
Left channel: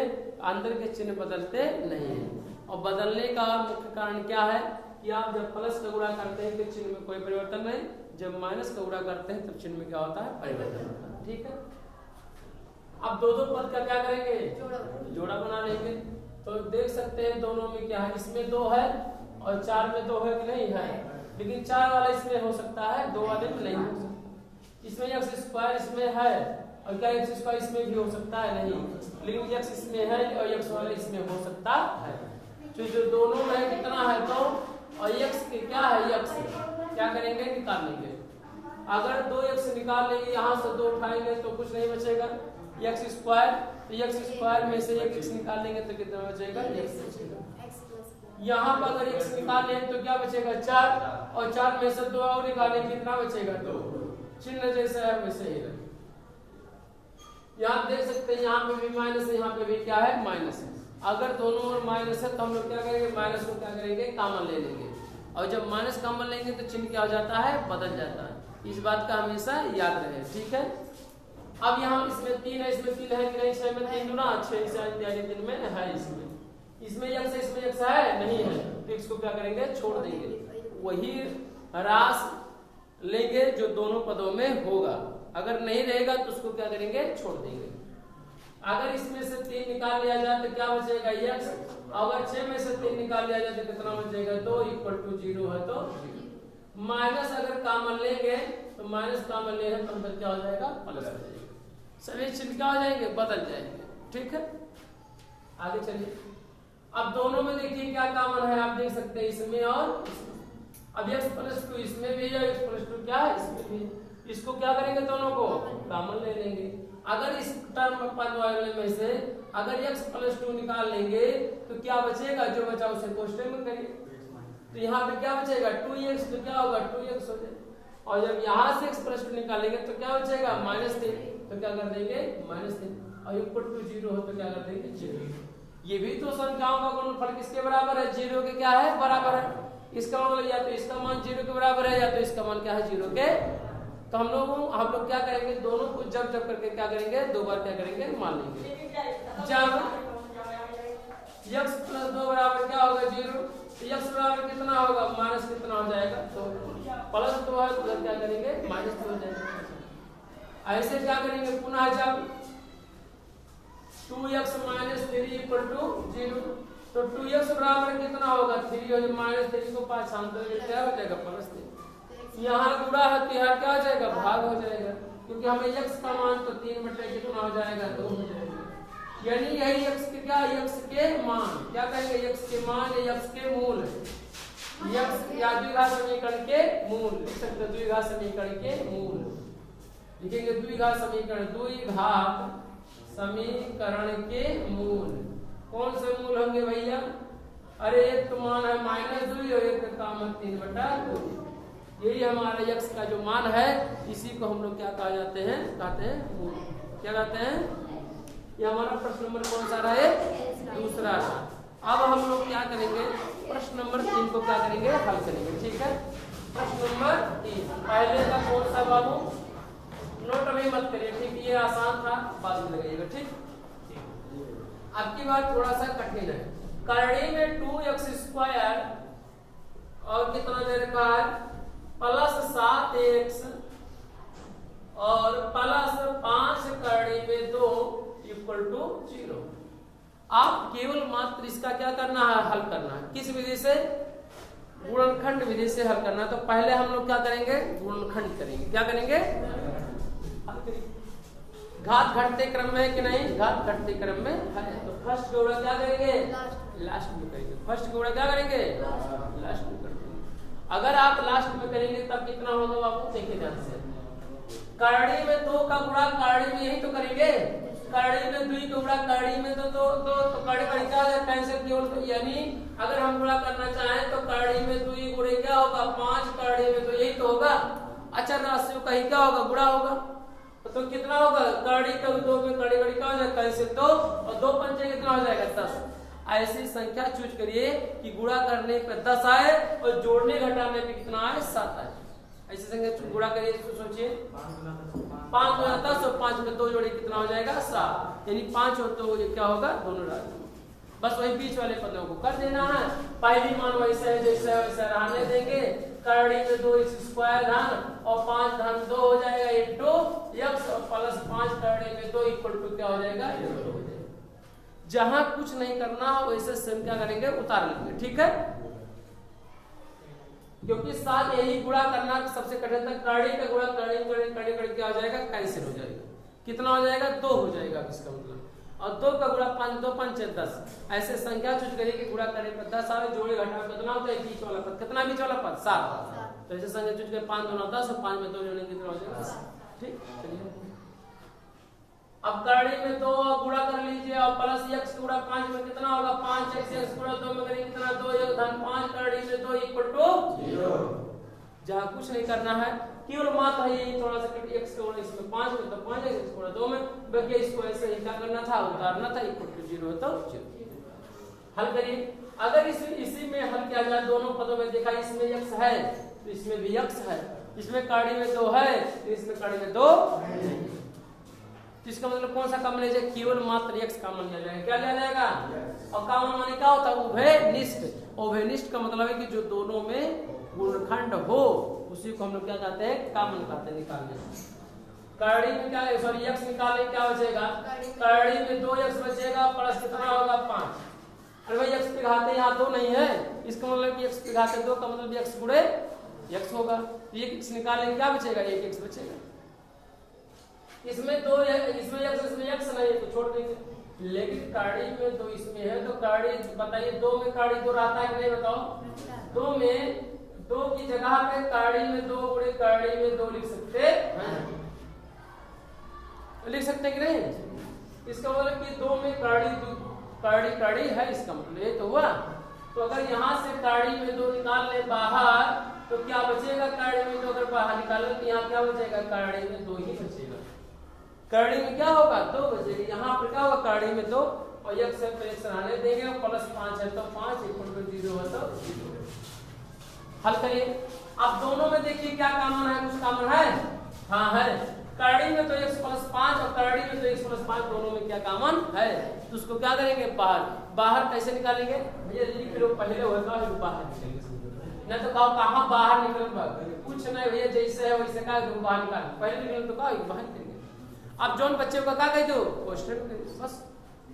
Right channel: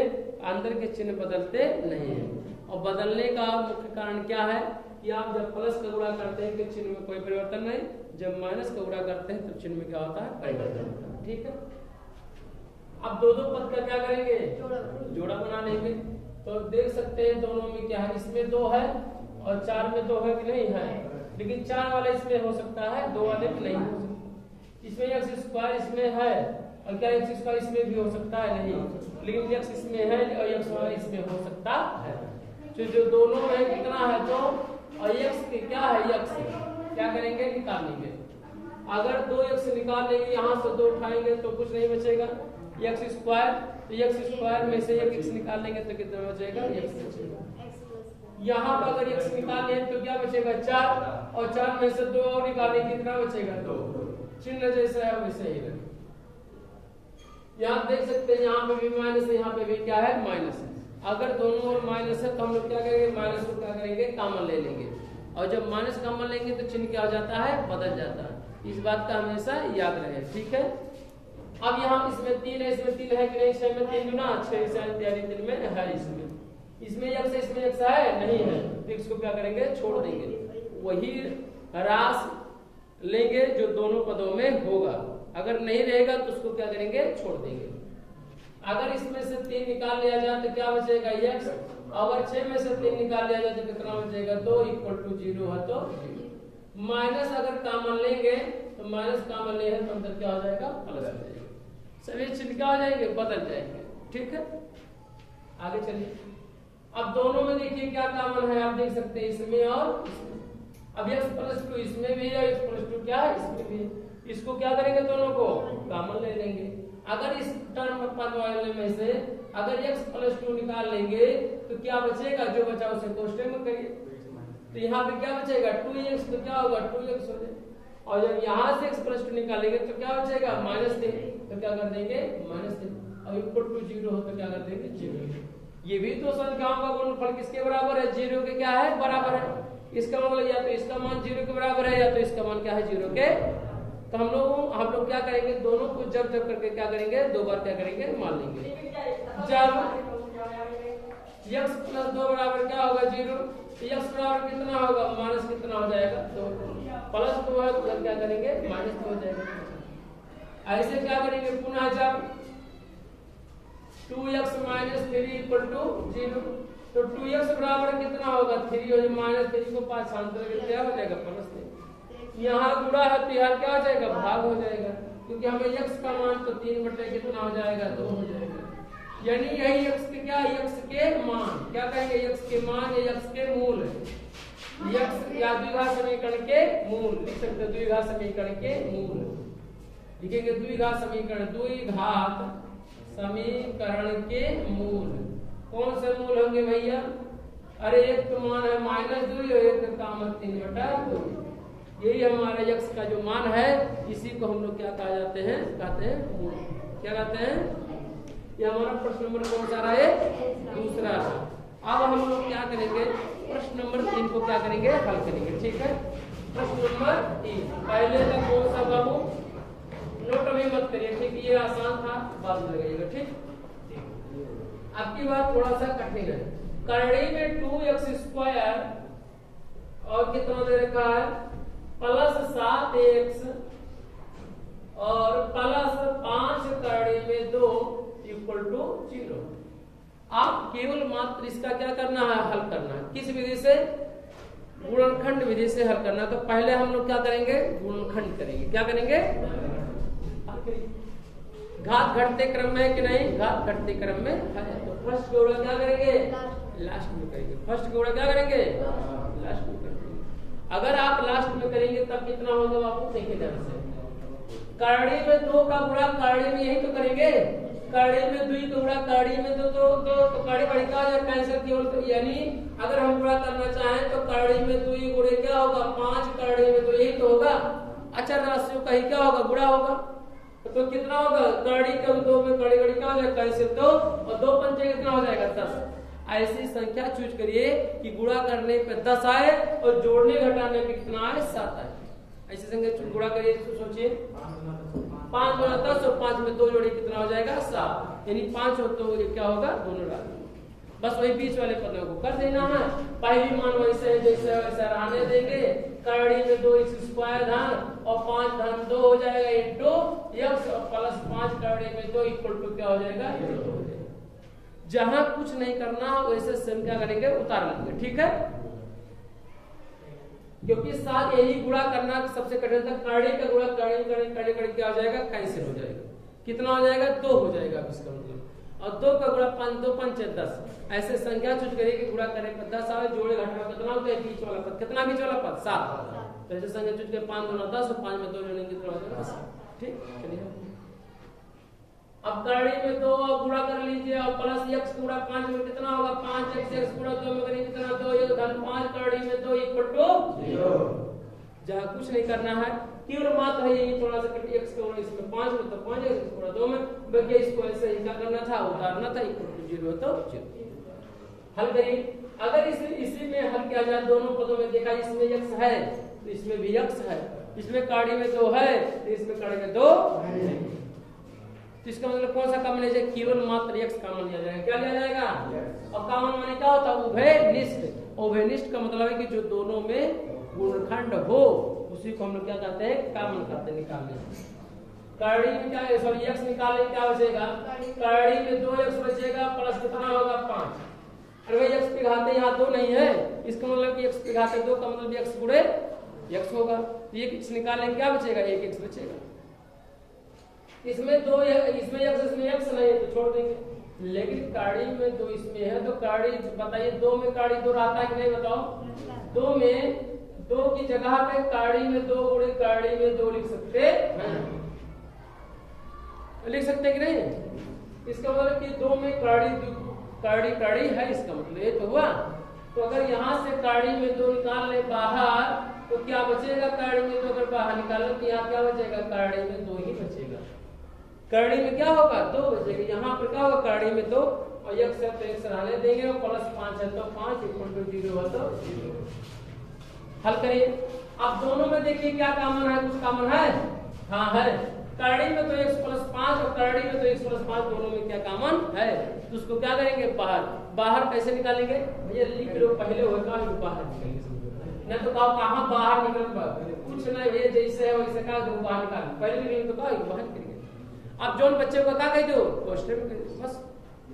अंदर के चिन्ह बदलते नहीं है। और बदलने का मुख्य कारण क्या है कि आप जब प्लस का गुणा करते हैं तो चिन्ह में कोई परिवर्तन नहीं, जब माइनस का गुणा करते हैं तो चिन्ह में क्या होता है परिवर्तन, ठीक है। अब दो पद का क्या करेंगे जोड़ा बना लेंगे, तो देख सकते हैं दोनों में क्या है, इसमें 2 है और 4 में 2 है कि नहीं है, लेकिन 4 वाला इसमें हो सकता है 2 वाले में नहीं हो सकता। इसमें x² इसमें है और क्या x² इसमें भी हो सकता है नहीं, लेकिन x इसमें है और x वाला इसमें हो सकता है। तो जो दोनों में कितना है तो और x क्या है x क्या करेंगे निकालेंगे। अगर 2x निकाल लेंगे यहाँ से 2 उठाएंगे तो कुछ नहीं बचेगा x स्क्वायर, तो x स्क्वायर में से एक x निकाल लेंगे तो कितना बचेगा x बचेगा। यहाँ पर अगर x निकाल लें तो क्या बचेगा 4 और 4 में से 2 और निकालेंगे कितना बचेगा 2। चिन्ह जैसा है वैसे ही रहे। यहाँ देख सकते हैं यहाँ पे भी माइनस है, यहाँ पे भी क्या है माइनस है। अगर दोनों ओर माइनस है तो हम लोग क्या करेंगे माइनस को क्या करेंगे कॉमन ले लेंगे, और जब माइनस कॉमन लेंगे तो चिन्ह क्या हो जाता है बदल जाता है। इस बात का हमेशा याद रहे, ठीक है। अब यहाँ इसमें 3 है, इसमें 3 है कि नहीं, 6 में 3 गुना 6 3 में है, इसमें x है इसमें x है नहीं है, तो इसको क्या करेंगे छोड़ देंगे, वही ह्रास लेंगे जो दोनों पदों में होगा। अगर नहीं रहेगा तो उसको क्या करेंगे छोड़ देंगे। अगर इसमें से 3 निकाल लिया जाए तो क्या बचेगा x, अगर 6 में से 3 निकाल लिया जाए तो कितना बचेगा 2 = 0 है तो 0। माइनस अगर कॉमन लेंगे तो माइनस कॉमन ले तो अंदर क्या हो जाएगा प्लस हो जाएगा, सभी चिन्ह क्या हो जाएंगे बदल जाएंगे, ठीक है। आगे चलिए, अब दोनों में देखिए क्या कॉमन है, आप देख सकते हैं इसमें और इसमें। अब x+2 इसमें भी है, x+2 क्या है इसमें भी, इसको क्या करेंगे दोनों को कॉमन ले लेंगे। अगर इस टर्म पद वाले में से अगर x+2 निकाल लेंगे तो क्या बचेगा, जो बचा उसे कोष्टक में करिए, तो यहाँ पे क्या बचेगा 2x, तो क्या होगा 2x हो जाएगा। और जब यहाँ से x+2 निकालेंगे तो क्या बचेगा -3, तो क्या कर देंगे -3, और = 0 हो तो क्या कर देंगे 0। ये भी तो संख्याओं का गुणनफल किसके बराबर है 0 के क्या है बराबर है। इसका मतलब या तो इसका मान 0 के बराबर है या तो इसका मान क्या है 0 के। तो हम लोग क्या करेंगे दोनों को जब करके क्या करेंगे 2 बार क्या करेंगे मान लेंगे। जब x+2 बराबर क्या होगा 0, तो x बराबर कितना होगा माइनस कितना हो जाएगा तो +2 है तो क्या करेंगे -2 हो जाएगा। ऐसे क्या करेंगे पुनः जब 2x - 3 = 0, तो 2x बराबर कितना होगा 3 और -3 को पांचांतर करके क्या हो जाएगा +3। यहाँ गुणा है तो यहाँ क्या हो जाएगा भाग हो जाएगा, क्योंकि हमें x का मान तो 3 बटे कितना हो जाएगा 2 हो जाएगा। यानी यही x के क्या x के मान क्या कहेंगे x के मान या x के मूल, x या द्विघात समीकरण के मूल लिख सकते हैं, द्विघात समीकरण के मूल लिखेंगे, द्विघात समीकरण द्विघात समीकरण के मूल। कौन से मूल होंगे भैया, अरे एक तो मान है -2 और एक का मान 3/2, यही हमारे x का जो मान है इसी को हम लोग क्या कहा जाते हैं कहते हैं मूल। क्या कहते हैं, ये हमारा प्रश्न नंबर कौन सा रहा है दूसरा। अब हम लोग क्या करेंगे प्रश्न नंबर 3 को क्या करेंगे हल करेंगे, ठीक है। प्रश्न नंबर 3 पहले का कौन सा बाबू, नोट अभी मत करिए, ठीक, ये आसान था बाद में लगाइएगा, ठीक। आपकी बात थोड़ा सा कठिन है। करड़ी में 2x² और कितना दे रखा है +7x और +5 करड़ी में 2 = 0। आप केवल मात्र इसका क्या करना है हल करना है, किस विधि से गुणनखंड विधि से हल करना है। तो पहले हम लोग क्या करेंगे गुणनखंड करेंगे, क्या करेंगे घात घटते क्रम में है कि नहीं, घात घटते क्रम में है, तो फर्स्ट गुणा क्या करेंगे लास्ट में करेंगे, फर्स्ट गुणा क्या करेंगे लास्ट में करेंगे। अगर आप लास्ट में करेंगे तब कितना होगा बाबू देखिए ध्यान से, करड़ी में 2 का गुणा करड़ी में यही तो करेंगे, करड़ी में 2 का गुणा करड़ी में तो करड़ी करड़ी क्या हो जाएगा कैंसिल केवल, तो यानी अगर हम गुणा करना चाहें तो करड़ी में 2 गुणे क्या होगा 5, करड़ी में तो यही तो होगा। अच्छा राशियों का ही क्या होगा गुणा होगा, तो कितना होगा करड़ी का 2 में करड़ी करड़ी क्या हो जाएगा कैंसिल, तो और 2 पंचे कितना हो जाएगा 10। ऐसी संख्या चूज करिए कि गुणा करने पे 10 आए और जोड़ने घटाने पे कितना आए 7 आए। ऐसी संख्या गुणा करिए तो सोचिए 5 × 10 और 5 में 2 जोड़े कितना हो जाएगा 7, यानी 5 हो तो ये क्या होगा दोनों राशि। बस वही बीच वाले पदों को कर देना है, पहली मान वैसे है जैसे वैसे रहने देंगे। करड़ी में 2x² धन और 5 धन 2 हो जाएगा इंटू x और +5 करड़ी में 2 = क्या हो जाएगा 0 हो जाएगा। जहां कुछ नहीं करना वैसे सेम क्या करेंगे उतार लेंगे, ठीक है, क्योंकि साथ यही गुणा करना सबसे कठिन था। करड़ी का गुणा करड़ी क्या हो जाएगा कैंसिल हो जाएगा, कितना हो जाएगा 2 हो जाएगा इसका मतलब। और 2 का गुणा 5, 2 5 10, ऐसे संख्या चूज करिए कि गुणा करे पर 10 आवे, जोड़े घटावे कितना होता है बीच वाला पद, कितना बीच वाला पद 7, तो ऐसे संख्या चूज कर 5 2 10 और 5 में 2 जोड़ेंगे कितना हो जाएगा, ठीक। चलिए अब करड़ी में 2 गुणा कर लीजिए और प्लस x गुणा 5 में कितना होगा 5x, x गुणा 2 में करेंगे कितना 2 1 धन 5, करड़ी में 2 इक्वल टू 0। जहाँ कुछ नहीं करना है, केवल मात्र है यही थोड़ा सा कटी x गुणा इसमें 5 में तो 5x, x गुणा 2 में, बाकी इसको ऐसे ही क्या करना था, उतारना था, इक्वल टू 0 तो 0। हल करिए, अगर इसी में हल किया जाए दोनों पदों में, देखा इसमें x है तो इसमें भी x है, इसमें काड़ी में 2 है तो इसमें काड़ी में 2 नहीं, तो इसका मतलब कौन सा कॉमन है, केवल मात्र x कॉमन लिया जाएगा, क्या लिया जाएगा, और कॉमन माने क्या होता है, उभयनिष्ठ। उभयनिष्ठ का मतलब है कि जो दोनों में गुणनखंड हो उसी को हम लोग क्या कहते हैं, कॉमन कहते हैं, निकालने। करड़ी में क्या है, सॉरी x निकालने क्या बचेगा, करड़ी में 2x बचेगा प्लस कितना होगा 5। अरे भाई x के घाते यहाँ 2 नहीं है, इसका मतलब कि x के घाते 2 का मतलब x गुणे x होगा, ये x निकालेंगे क्या बचेगा, 1x बचेगा। इसमें 2 इसमें x नहीं तो छोड़ देंगे, लेकिन काड़ी में 2 इसमें है तो काड़ी बताइए 2 में काड़ी 2 रहता है कि नहीं बताओ, 2 में 2 की जगह पे काड़ी में 2 गुणे काड़ी में 2 लिख सकते हैं, लिख सकते कि नहीं। इसका मतलब कि 2 में काड़ी है, इसका मतलब ये तो हुआ। तो अगर यहाँ से काड़ी में 2 निकाल ले बाहर तो क्या बचेगा, काड़ी में 2 अगर बाहर निकालो तो यहाँ क्या बचेगा, काड़ी में 2 ही बचेगा। करड़ी में क्या होगा 2 बचेगा, यहाँ पर क्या होगा काड़ी में 2 और x है तो x रहने देंगे और प्लस 5 है तो 5 इक्वल टू 0 है तो 0। हल करिए, अब दोनों में देखिए क्या कॉमन है, कुछ कॉमन है, हाँ है, करड़ी में तो x प्लस 5 और करड़ी में तो x प्लस 5 दोनों में क्या कॉमन है, तो उसको क्या करेंगे बाहर कैसे निकालेंगे, भैया लिख लो पहले होगा फिर बाहर निकालेंगे, नहीं तो कहाँ बाहर निकल कुछ नहीं भैया, जैसे है वैसे कहा बाहर निकाल, पहले निकलेंगे तो कहा बाहर निकलेंगे। अब जोन बच्चे को क्या कह दो क्वेश्चन में, बस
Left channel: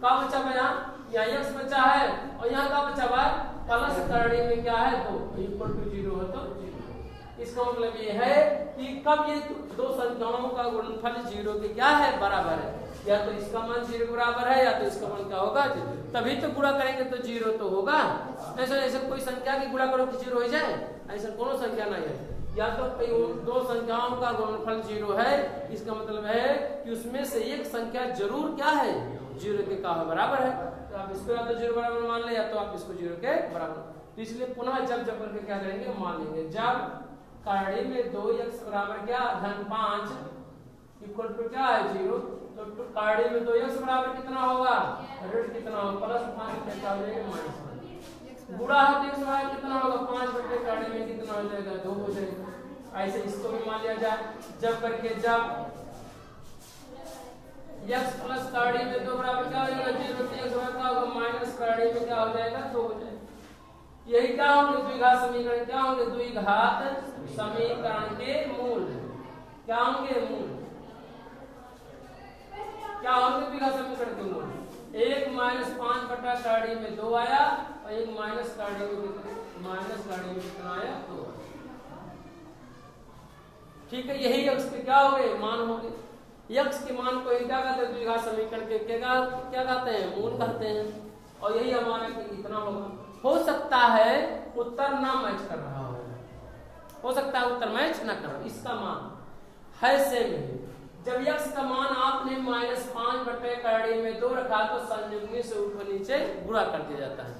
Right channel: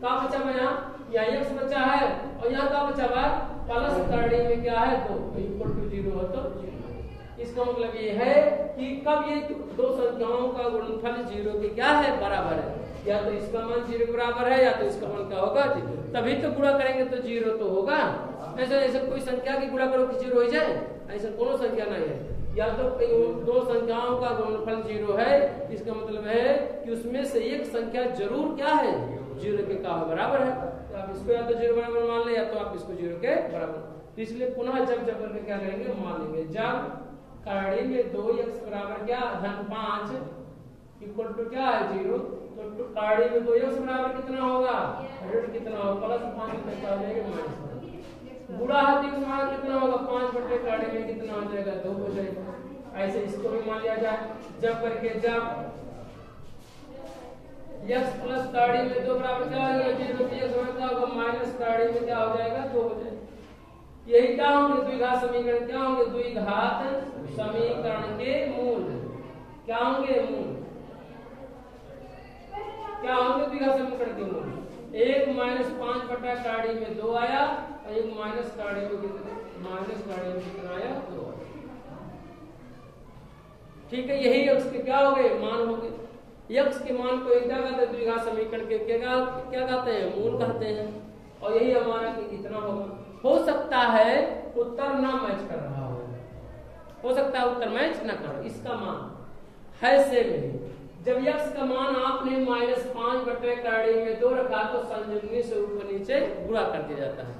का बचा हुआ यहाँ x बचा है और यहाँ का बचा हुआ प्लस करड़ी में क्या है 2 इक्वल टू 0 है तो 0। इसका मतलब ये है कि कब ये दो संख्याओं का गुणनफल 0 के क्या है बराबर है, या तो इसका मान 0 बराबर है या तो इसका मान क्या होगा 0, तभी तो गुणा करेंगे तो 0 तो होगा। ऐसा कोई संख्या की गुणा करो कि 0 हो जाए, ऐसा कोनो संख्या नहीं है, या तो दो संख्याओं का गुणनफल 0 है, इसका मतलब है कि उसमें से एक संख्या जरूर क्या है 0 के का बराबर है, तो आप इसको या तो 0 बराबर मान ले या तो आप इसको 0 के बराबर, तो इसलिए पुनः जब करके क्या करेंगे मान लेंगे। जब करड़ी में 2x बराबर क्या धन 5 इक्वल टू क्या है 0, तो करड़ी में 2x बराबर कितना होगा ऋण कितना होगा प्लस 5 हो जाएगा माइनस 5, गुणा है तो x कितना होगा 5 बटे करड़ी में कितना हो जाएगा 2 हो जाएगा। ऐसे इसको भी मान लिया जाए, जब करके जब x प्लस करड़ी में 2 बराबर क्या हो जाएगा 0 बटे x होगा माइनस करड़ी में क्या हो जाएगा 2 हो जाएगा। यही क्या होंगे द्विघात समीकरण, क्या होंगे द्विघात समीकरण के मूल, क्या होंगे मूल, क्या होंगे द्विघात समीकरण के मूल, 1 माइनस 5 बटा करड़ी में 2 आया और 1 माइनस करड़ी में कितना आया 2। ठीक है, यही x के क्या हो गए मान हो गए, x के मान को क्या कहते हैं द्विघात समीकरण के क्या कहते हैं मूल कहते हैं, और यही हमारा इतना होगा। हो सकता है उत्तर ना मैच कर रहा हो सकता है उत्तर मैच ना करो, इसका मान है सेम है। जब x का मान आपने माइनस 5 बटे करड़ी में 2 रखा तो संयुग्मी से ऊपर नीचे गुणा कर दिया जाता है।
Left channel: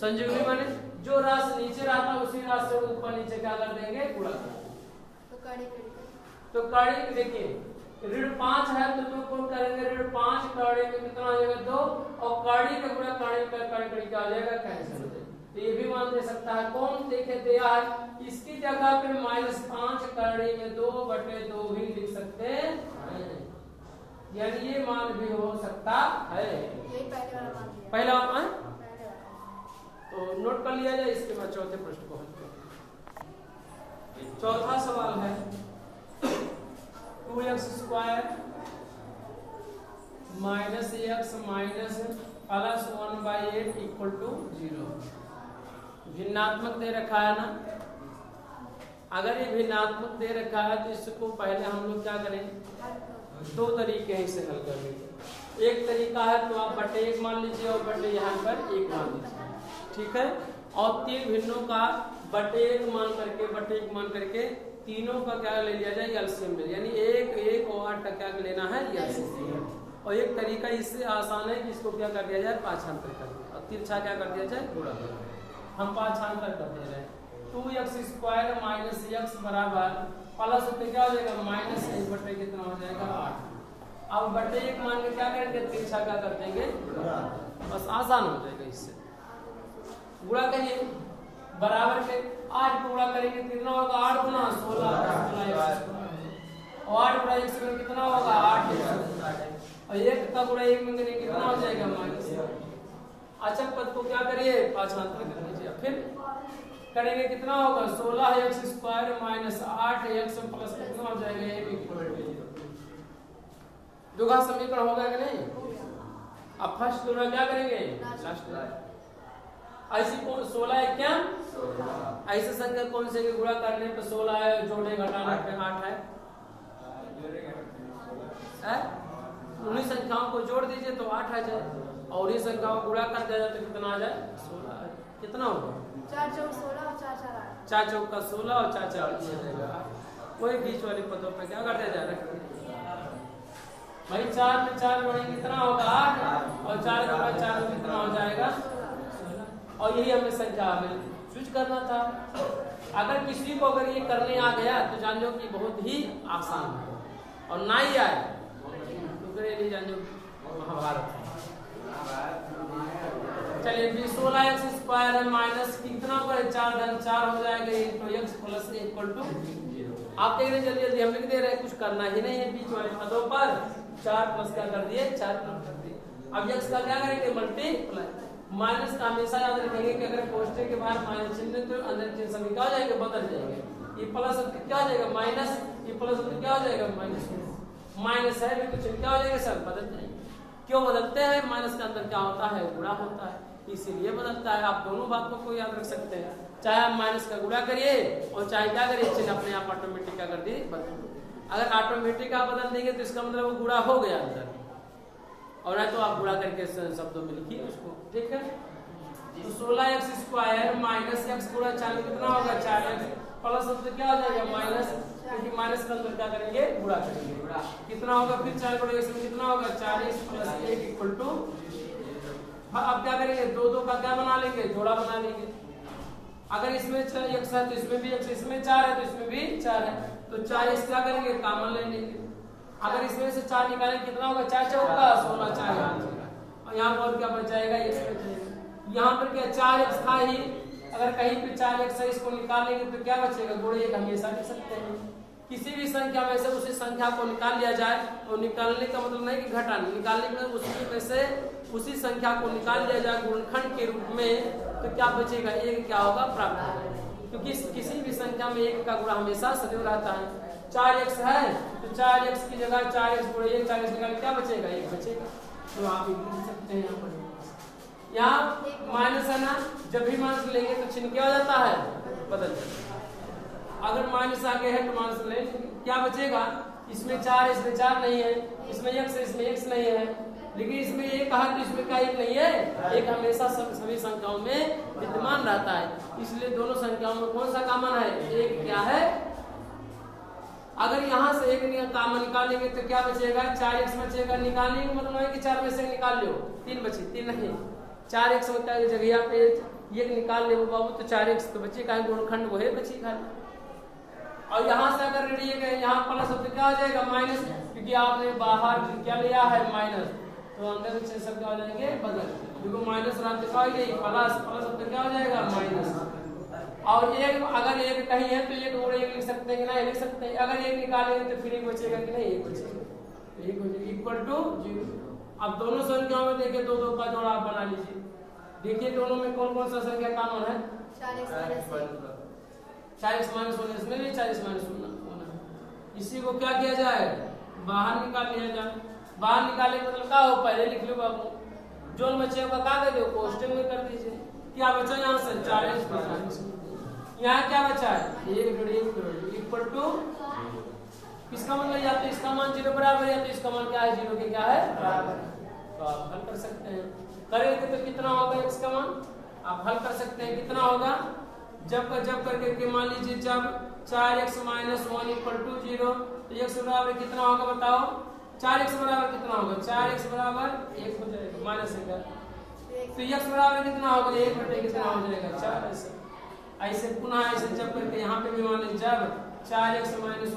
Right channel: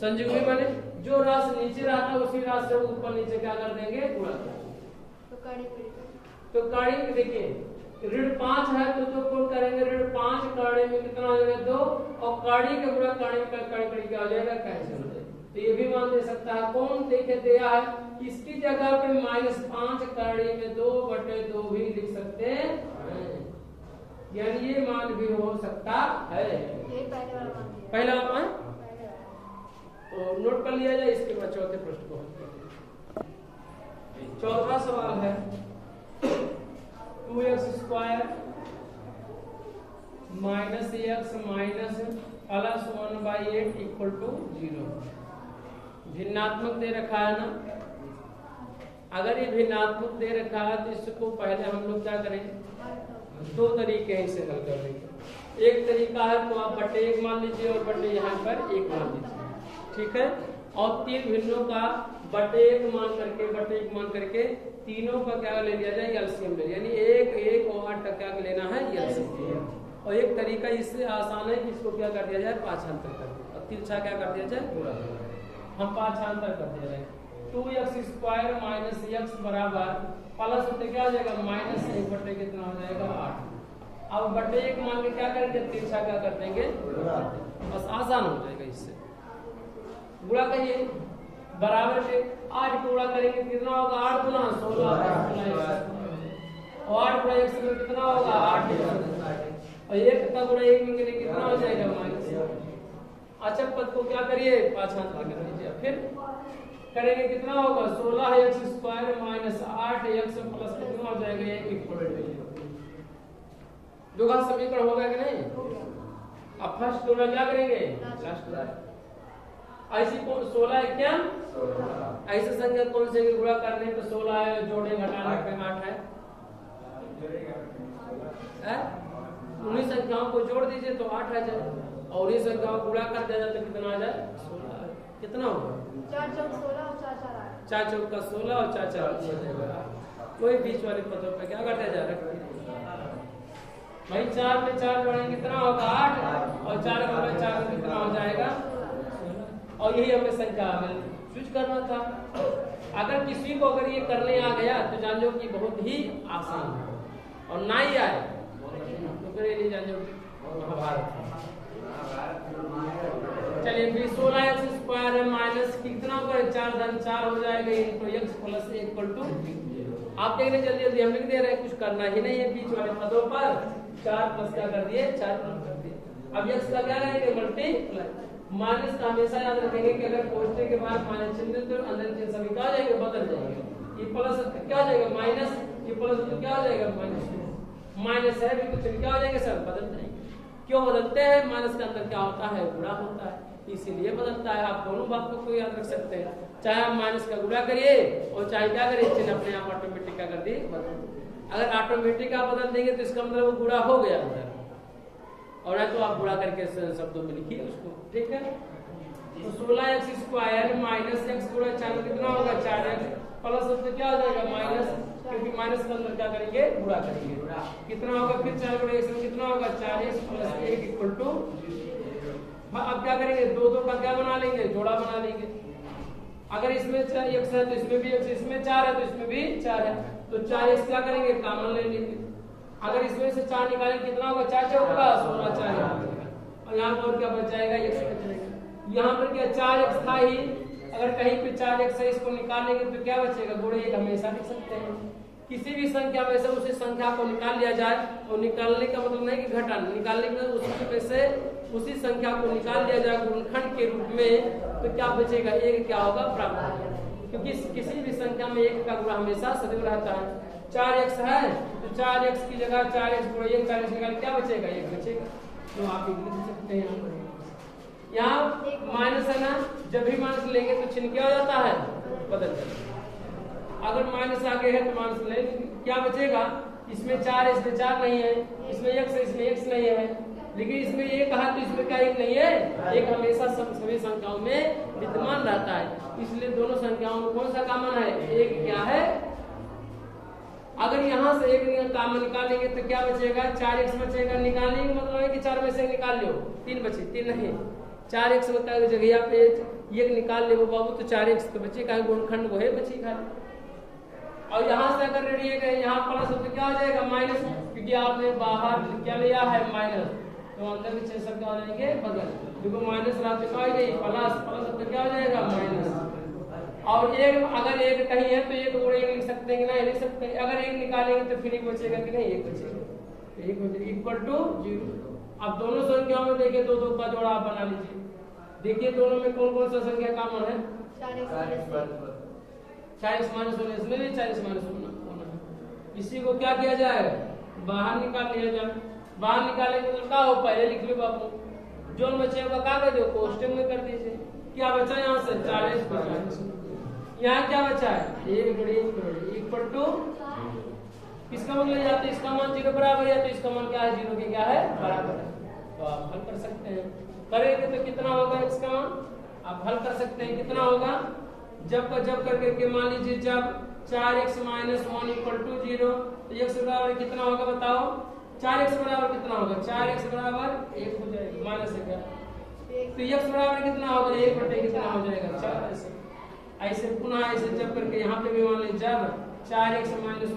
संयुग्मी माने जो राशि नीचे रहता है उसी राशि से ऊपर नीचे क्या कर देंगे गुणा कर देंगे। तो करड़ी में देखिए ऋण 5 है तो कौन करेंगे ऋण 5 करड़ी में कितना हो जाएगा 2 और करड़ी के गुणा करड़ी क्या हो जाएगा कैंसिल हो जाएगा। तो ये भी मान दे सकता है कौन देखे दिया है, इसकी जगह पे माइनस 5 करड़ी में 2 बटे 2 भी लिख सकते हैं, यानी ये मान भी हो सकता है। पहला है तो नोट कर लिया जाए, इसके बाद चौथे प्रश्न को हल करें। चौथा सवाल है 2x square minus x minus plus 1/8 equal to 0। भिन्नात्मक दे रखा है ना, अगर ये भिन्नात्मक दे रखा है तो इसको पहले हम लोग क्या करें, दो तरीके हैं इसे हल करने के। एक तरीका है तो आप बटे 1 मान लीजिए और बटे यहाँ पर 1 मान लीजिए, ठीक है। और 3 भिन्नों का बटे 1 मान करके तीनों का क्या ले लिया जाए, एलसीएम ले, यानी 1 और 8 का क्या लेना है, एलसीएम। और एक तरीका इससे आसान है कि इसको क्या कर दिया जाए, पाँचांतर कर दिया और तिरछा क्या कर दिया जाए, गुणा कर दिया। हम पाँचांतर कर दिया जाए 2x² माइनस x बराबर प्लस होते क्या हो जाएगा, माइनस 1 बटे कितना हो जाएगा, 8। अब बटे 1 मान के क्या करेंगे, तिरछा क्या कर देंगे, बस आसान हो जाएगा। इससे गुणा करिए, बराबर के 8 को गुणा करेंगे कितना होगा, 8 गुना 16 और 8 गुणा 1 से कितना होगा, 8 और 1 का गुणा 1 में कितना हो जाएगा, माइनस। अच्छा पद को क्या करिए, पाँचांतर कर लीजिए, फिर करेंगे कितना होगा, 16x² माइनस 8x प्लस कितना हो जाएगा, 1 इक्वल टू दुगना समीकरण होगा कि नहीं। अब फर्स्ट गुणा क्या करेंगे, लास्ट ऐसी 16 क्या ऐसे संख्या कौन से गुणा करने पे 16 है, जोड़े घटाने पे 8 है, उन्हीं संख्याओं को जोड़ दीजिए तो 8 आ जाए और ये संख्याओं को गुणा कर दिया जाए तो कितना आ जाए, 16। कितना होगा, 4 चौक 16 और 4 4 8। 4 चौक का 16 और 4 4 हो जाएगा। कोई बीच वाले पदों पे क्या कर दिया जाए, रख दिया भाई। 4 में 4 जोड़ेंगे कितना होगा, 8 और 4 में 4 कितना हो जाएगा, और यही हमें संख्या में स्विच करना था। अगर किसी को अगर ये करने आ गया तो जान लो कि बहुत ही आसान है, और ना ही आए तो करे जान लो महाभारत। चलिए फिर 16x² है माइनस कितना पर 4 धन 4 हो जाएगा into x plus equal to. आप देख रहे हैं जल्दी जल्दी हम लिख दे रहे हैं, कुछ करना ही नहीं है। बीच वाले पदों पर 4 प्लस का कर दिए, 4 प्लस कर दिए। अब x का क्या करेंगे, मल्टीप्लाई। माइनस का हमेशा याद रखेंगे कि अगर कोष्ठक के बाहर माइनस चिन्ह तो अंदर के सभी क्या हो जाएंगे, बदल जाएंगे। ये प्लस क्या हो जाएगा, माइनस, ये प्लस क्या हो जाएगा, माइनस। माइनस है भी कुछ क्या हो जाएगा, सब बदल जाएंगे। क्यों बदलते हैं, माइनस के अंदर क्या होता है, गुणा होता है, इसीलिए बदलता है। आप दोनों बातों को याद रख सकते हैं, चाहे आप माइनस का गुणा करिए और चाहे क्या करिए, चिन्ह अपने आप ऑटोमेटिक का कर दिए बदल। अगर ऑटोमेटिक आप बदल देंगे तो इसका मतलब वो गुणा हो गया अंदर, और नहीं तो आप गुणा करके शब्दों में लिखिए उसको, ठीक है। तो 16x² माइनस x गुणा 4 कितना होगा, 4x प्लस तो क्या हो जाएगा, माइनस, क्योंकि माइनस के अंदर क्या करेंगे, गुणा करेंगे। कितना होगा फिर 4 गुणा इसमें कितना होगा, 4x प्लस 1 इक्वल टू। अब क्या करेंगे, दो दो का क्या बना लेंगे, जोड़ा बना लेंगे। अगर इसमें x है तो इसमें भी x, इसमें 4 है तो इसमें भी 4 है, तो 4x क्या करेंगे, कॉमन ले लेंगे। अगर इसमें से 4 निकालेंगे कितना होगा, 4 चौका 16, 4 और यहाँ पर क्या बच जाएगा, x बचेगा। यहाँ पर क्या 4x था ही, अगर कहीं पे 4x है इसको निकालेंगे तो क्या बचेगा, गुणे 1 हमेशा लिख सकते हैं। किसी भी संख्या में से उसी संख्या को निकाल लिया जाए, और निकालने का मतलब नहीं कि घटाना, निकालने का उसी में से उसी संख्या को निकाल लिया जाए गुणनखंड के रूप में, तो क्या बचेगा, 1 क्या होगा, प्राप्त होगा। क्योंकि किसी भी संख्या में 1 का गुणा हमेशा सदैव रहता है। 4x है तो 4x की जगह 4x गुणे 1, 4x निकाल क्या बचेगा, 1 बचेगा। तो आप लिख सकते हैं। यहाँ माइनस है ना, जब भी माइनस लेंगे तो चिन्ह क्या हो जाता है, बदल जाता है। अगर माइनस आगे है तो माइनस ले, क्या बचेगा, इसमें 4 है, इसमें 4 नहीं है, इसमें x है, इसमें x नहीं है, लेकिन इसमें 1 है तो इसमें क्या 1 नहीं है, 1 हमेशा सभी संख्याओं में विद्यमान रहता है। इसलिए दोनों संख्याओं में कौन सा कॉमन है, 1 क्या है। अगर यहाँ से 1 कॉमन निकालेंगे तो क्या बचेगा, 4x बचेगा। निकालने का मतलब है कि 4 में से निकाल लो, 3 बचे, 3 नहीं, 4x होता है जगह पे 1 निकाल ले बाबू तो 4x तो बचेगा, गुणनखंड वो है बचेगा। और यहाँ से अगर रेडिए गए यहाँ प्लस हो तो क्या हो जाएगा, माइनस, क्योंकि आपने बाहर क्या लिया है, माइनस, तो अंदर के चिन्ह क्या हो जाएंगे, बदल। देखो माइनस रहते क्या हो जाएगी, प्लस, प्लस तो क्या हो जाएगा, माइनस। और 1 अगर 1 कहीं है तो 1 गुणे 1 लिख सकते हैं, नहीं लिख सकते हैं। अगर 1 निकालेंगे तो फिर 1 बचेगा कि नहीं, 1 बचेगा, 1 बचेगा इक्वल टू 0। अब दोनों संख्याओं में देखिए 2 2 का जोड़ा आप बना लीजिए। देखिए दोनों में कौन कौन सा संख्या कॉमन है, 40 माइनस होने, इसमें भी 40 माइनस होना। इसी को क्या किया जाए, बाहर निकाल लिया जाए। बाहर निकालने का मतलब क्या हो, पहले लिख लो बाबू, जो बच्चे का क्या कर दो, कोष्टक में कर दीजिए। क्या बचा यहाँ से, 40, यहाँ क्या बचा है, 1 गुणे 1 इक्वल टू, इसका मतलब या तो इसका मान 0 बराबर है, या तो इसका मान क्या है, 0 के क्या है बराबर है। तो आप हल कर सकते हैं। करेंगे तो कितना होगा x का मान, आप हल कर सकते हैं कितना होगा, जब करके मान लीजिए जब 4x - 1 = 0 तो x बराबर कितना होगा बताओ, 4x बराबर कितना होगा, 4x बराबर 1 हो जाएगा माइनस 1, तो x बराबर कितना होगा 1 बटे कितना हो जाएगा 4। ऐसे पुनः ऐसे जब करके यहाँ पे भी मान लीजिए जब 4x - 1 =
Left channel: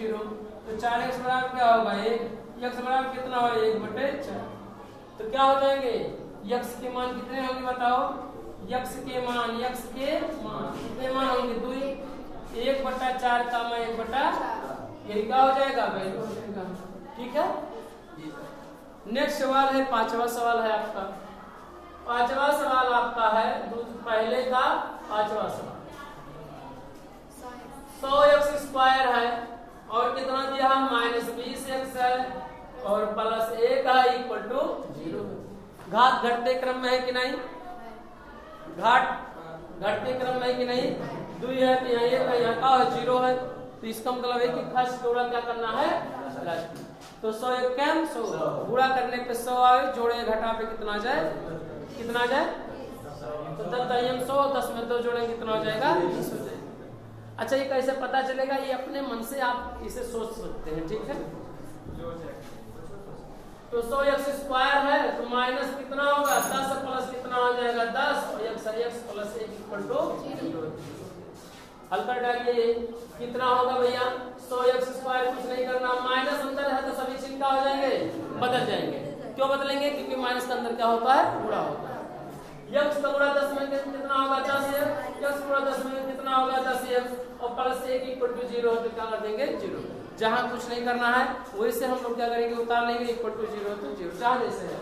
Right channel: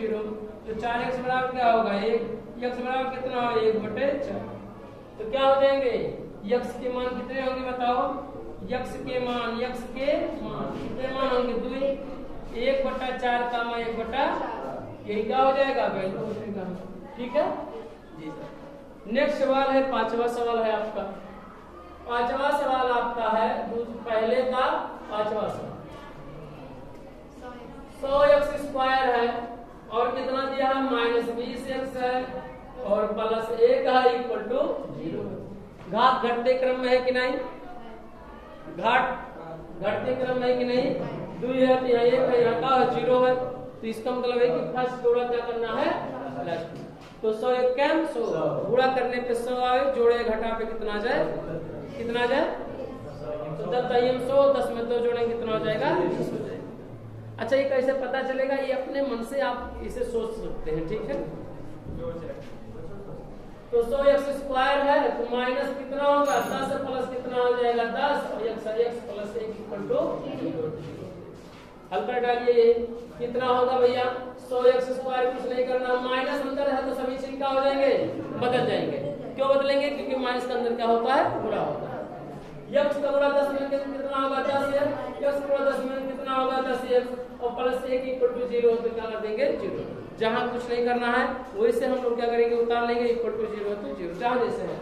0 तो 4x बराबर क्या होगा 1, x बराबर कितना होगा 1 बटे 4, तो क्या हो जाएंगे x के मान कितने होंगे बताओ, x के मान कितने मान होंगे 2, 1/4 का मान 1/4, यही क्या हो जाएगा वैल्यू हो जाएगा। ठीक है, नेक्स्ट सवाल है, पांचवा सवाल है आपका। पांचवा सवाल आपका है पहले का पांचवा सवाल, 100x² है और कितना दिया है -20x है और +1 है इक्वल टू 0। घात घटते क्रम में है कि नहीं, घात घटते क्रम में है कि नहीं, 2 है तो यहाँ 1 है, यहाँ का 0 है, तो इसका मतलब है कि फर्स्ट जोड़ा क्या करना है, तो 100 1 कम 100 गुणा करने पे 100 आए, जोड़े घटा पे कितना जाए, कितना जाए, तो 10 दाइम 100, 10 में 2 जोड़ेंगे कितना हो जाएगा 20 हो जाएगा। अच्छा ये कैसे पता चलेगा, ये अपने मन से आप इसे सोच सकते हैं। ठीक है, तो 100x² है तो माइनस कितना होगा 10 प्लस कितना हो जाएगा 10 और x + 1 = 0। हल कर डालिए कितना होगा भैया, 100x² कुछ नहीं करना, माइनस अंदर है तो सभी चीज क्या हो जाएंगे, बदल जाएंगे। क्यों बदलेंगे, क्योंकि माइनस का अंदर क्या होता है, गुणा होता है। x का गुणा 10 में कितना होगा 10x, x गुणा 10 में कितना होगा 10x और +1 = 0 तो क्या कर देंगे 0। जहां कुछ नहीं करना है वैसे हम लोग क्या करेंगे, उतार लेंगे इक्वल टू 0 तो 0 जहां जैसे है।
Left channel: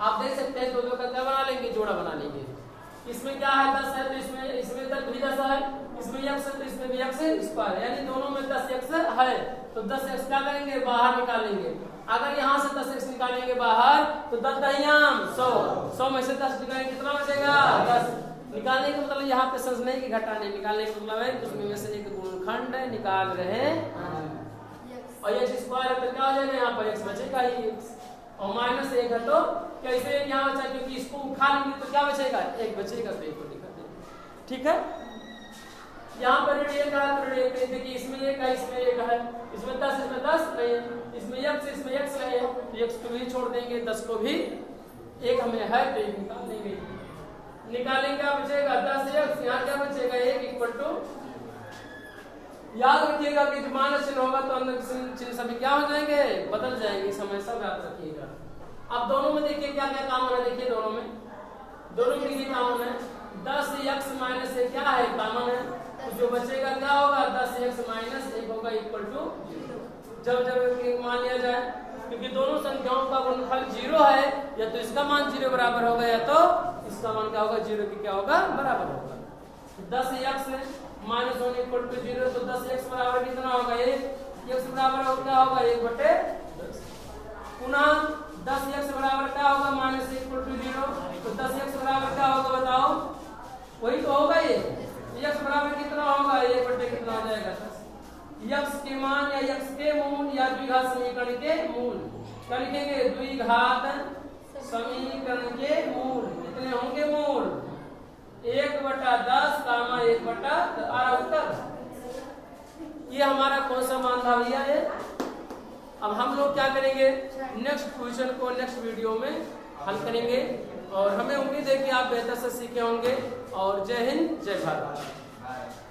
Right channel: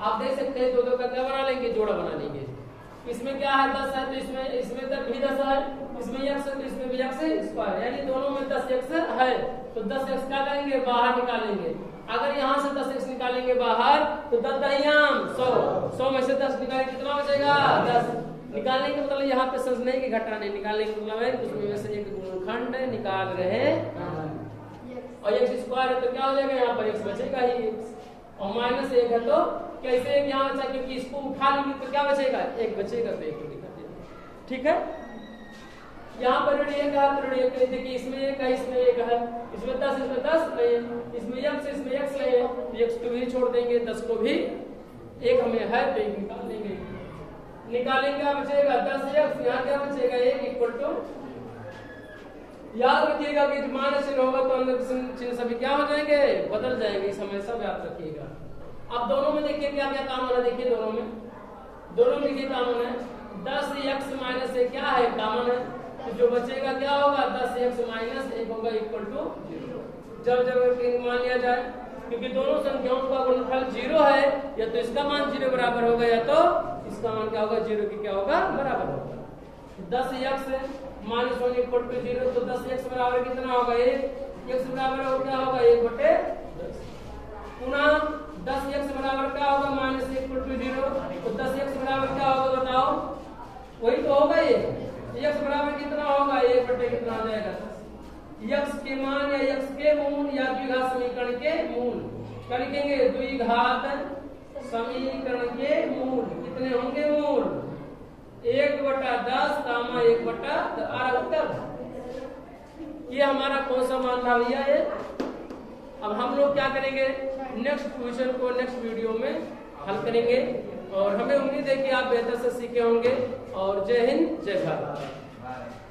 आप देख सकते हैं 2 का क्या बना लेंगे, जोड़ा बना लेंगे। इसमें क्या है 10 है तो इसमें तक भी 10 है, इसमें x है तो इसमें भी x², यानी दोनों में 10x है तो 10x क्या करेंगे बाहर निकालेंगे। अगर यहाँ से 10x निकालेंगे बाहर तो 10 दाइयाम 100 में से 10 निकालेंगे कितना बचेगा 10। निकालने का मतलब यहाँ पे समझने की घटाने, निकालने का मतलब है उसमें में से एक गुणनखंड निकाल रहे और x² है तो क्या हो जाएगा, यहाँ पर x बचेगा ही और -1 है तो कैसे एक यहाँ बचा, क्योंकि इसको उठा लेंगे तो क्या बचेगा 1 बचेगा तो 1 को दिखा देंगे। ठीक है, यहाँ पर ऋण 1 है तो ऋण 1 देखिए, इसमें 1 है इसमें 1 है, इसमें 10 इसमें 10 नहीं है, इसमें x नहीं है तो x को भी छोड़ देंगे, 10 को भी, 1 हमें है तो 1 निकाल देंगे। निकालेंगे क्या बचेगा 10x, यहाँ क्या बचेगा 1 इक्वल टू, याद रखिएगा कि जब माइनस चिन्ह होगा तो अंदर चिन्ह सभी क्या हो जाएंगे, बदल जाएंगे, इस हमेशा याद रखिएगा। अब दोनों में देखिए क्या क्या कॉमन है, देखिए दोनों में देखिए कॉमन है 10x - 1 क्या है कॉमन है, तो जो बचेगा क्या होगा 10x - 1 होगा इक्वल टू 0। जब मान लिया जाए, क्योंकि दोनों संख्याओं का गुणनफल 0 है, या तो इसका मान 0 बराबर होगा या तो इसका मान क्या होगा 0 की क्या होगा बराबर होगा। 10x - 1 = 0 तो 10x बराबर कितना होगा 1, x बराबर क्या होगा 1 बटे 10। पुनः 10x बराबर क्या होगा -1 = 0 तो 10x बराबर क्या होगा बताओ, वही तो होगा ये, x बराबर कितना होगा 1 बटे कितना हो जाएगा 10। x के मान या x के मूल या द्विघात समीकरण के मूल क्या लिखेंगे, द्विघात समीकरण के मूल कितने होंगे, मूल 1/10 कामा 1/10 उत्तर। ये हमारा कौन सा मान था भैया ये। अब हम लोग क्या करेंगे, नेक्स्ट क्वेश्चन को नेक्स्ट वीडियो में हल करेंगे और हमें उम्मीद है कि आप बेहतर से सीखे होंगे। और जय हिंद जय भारत।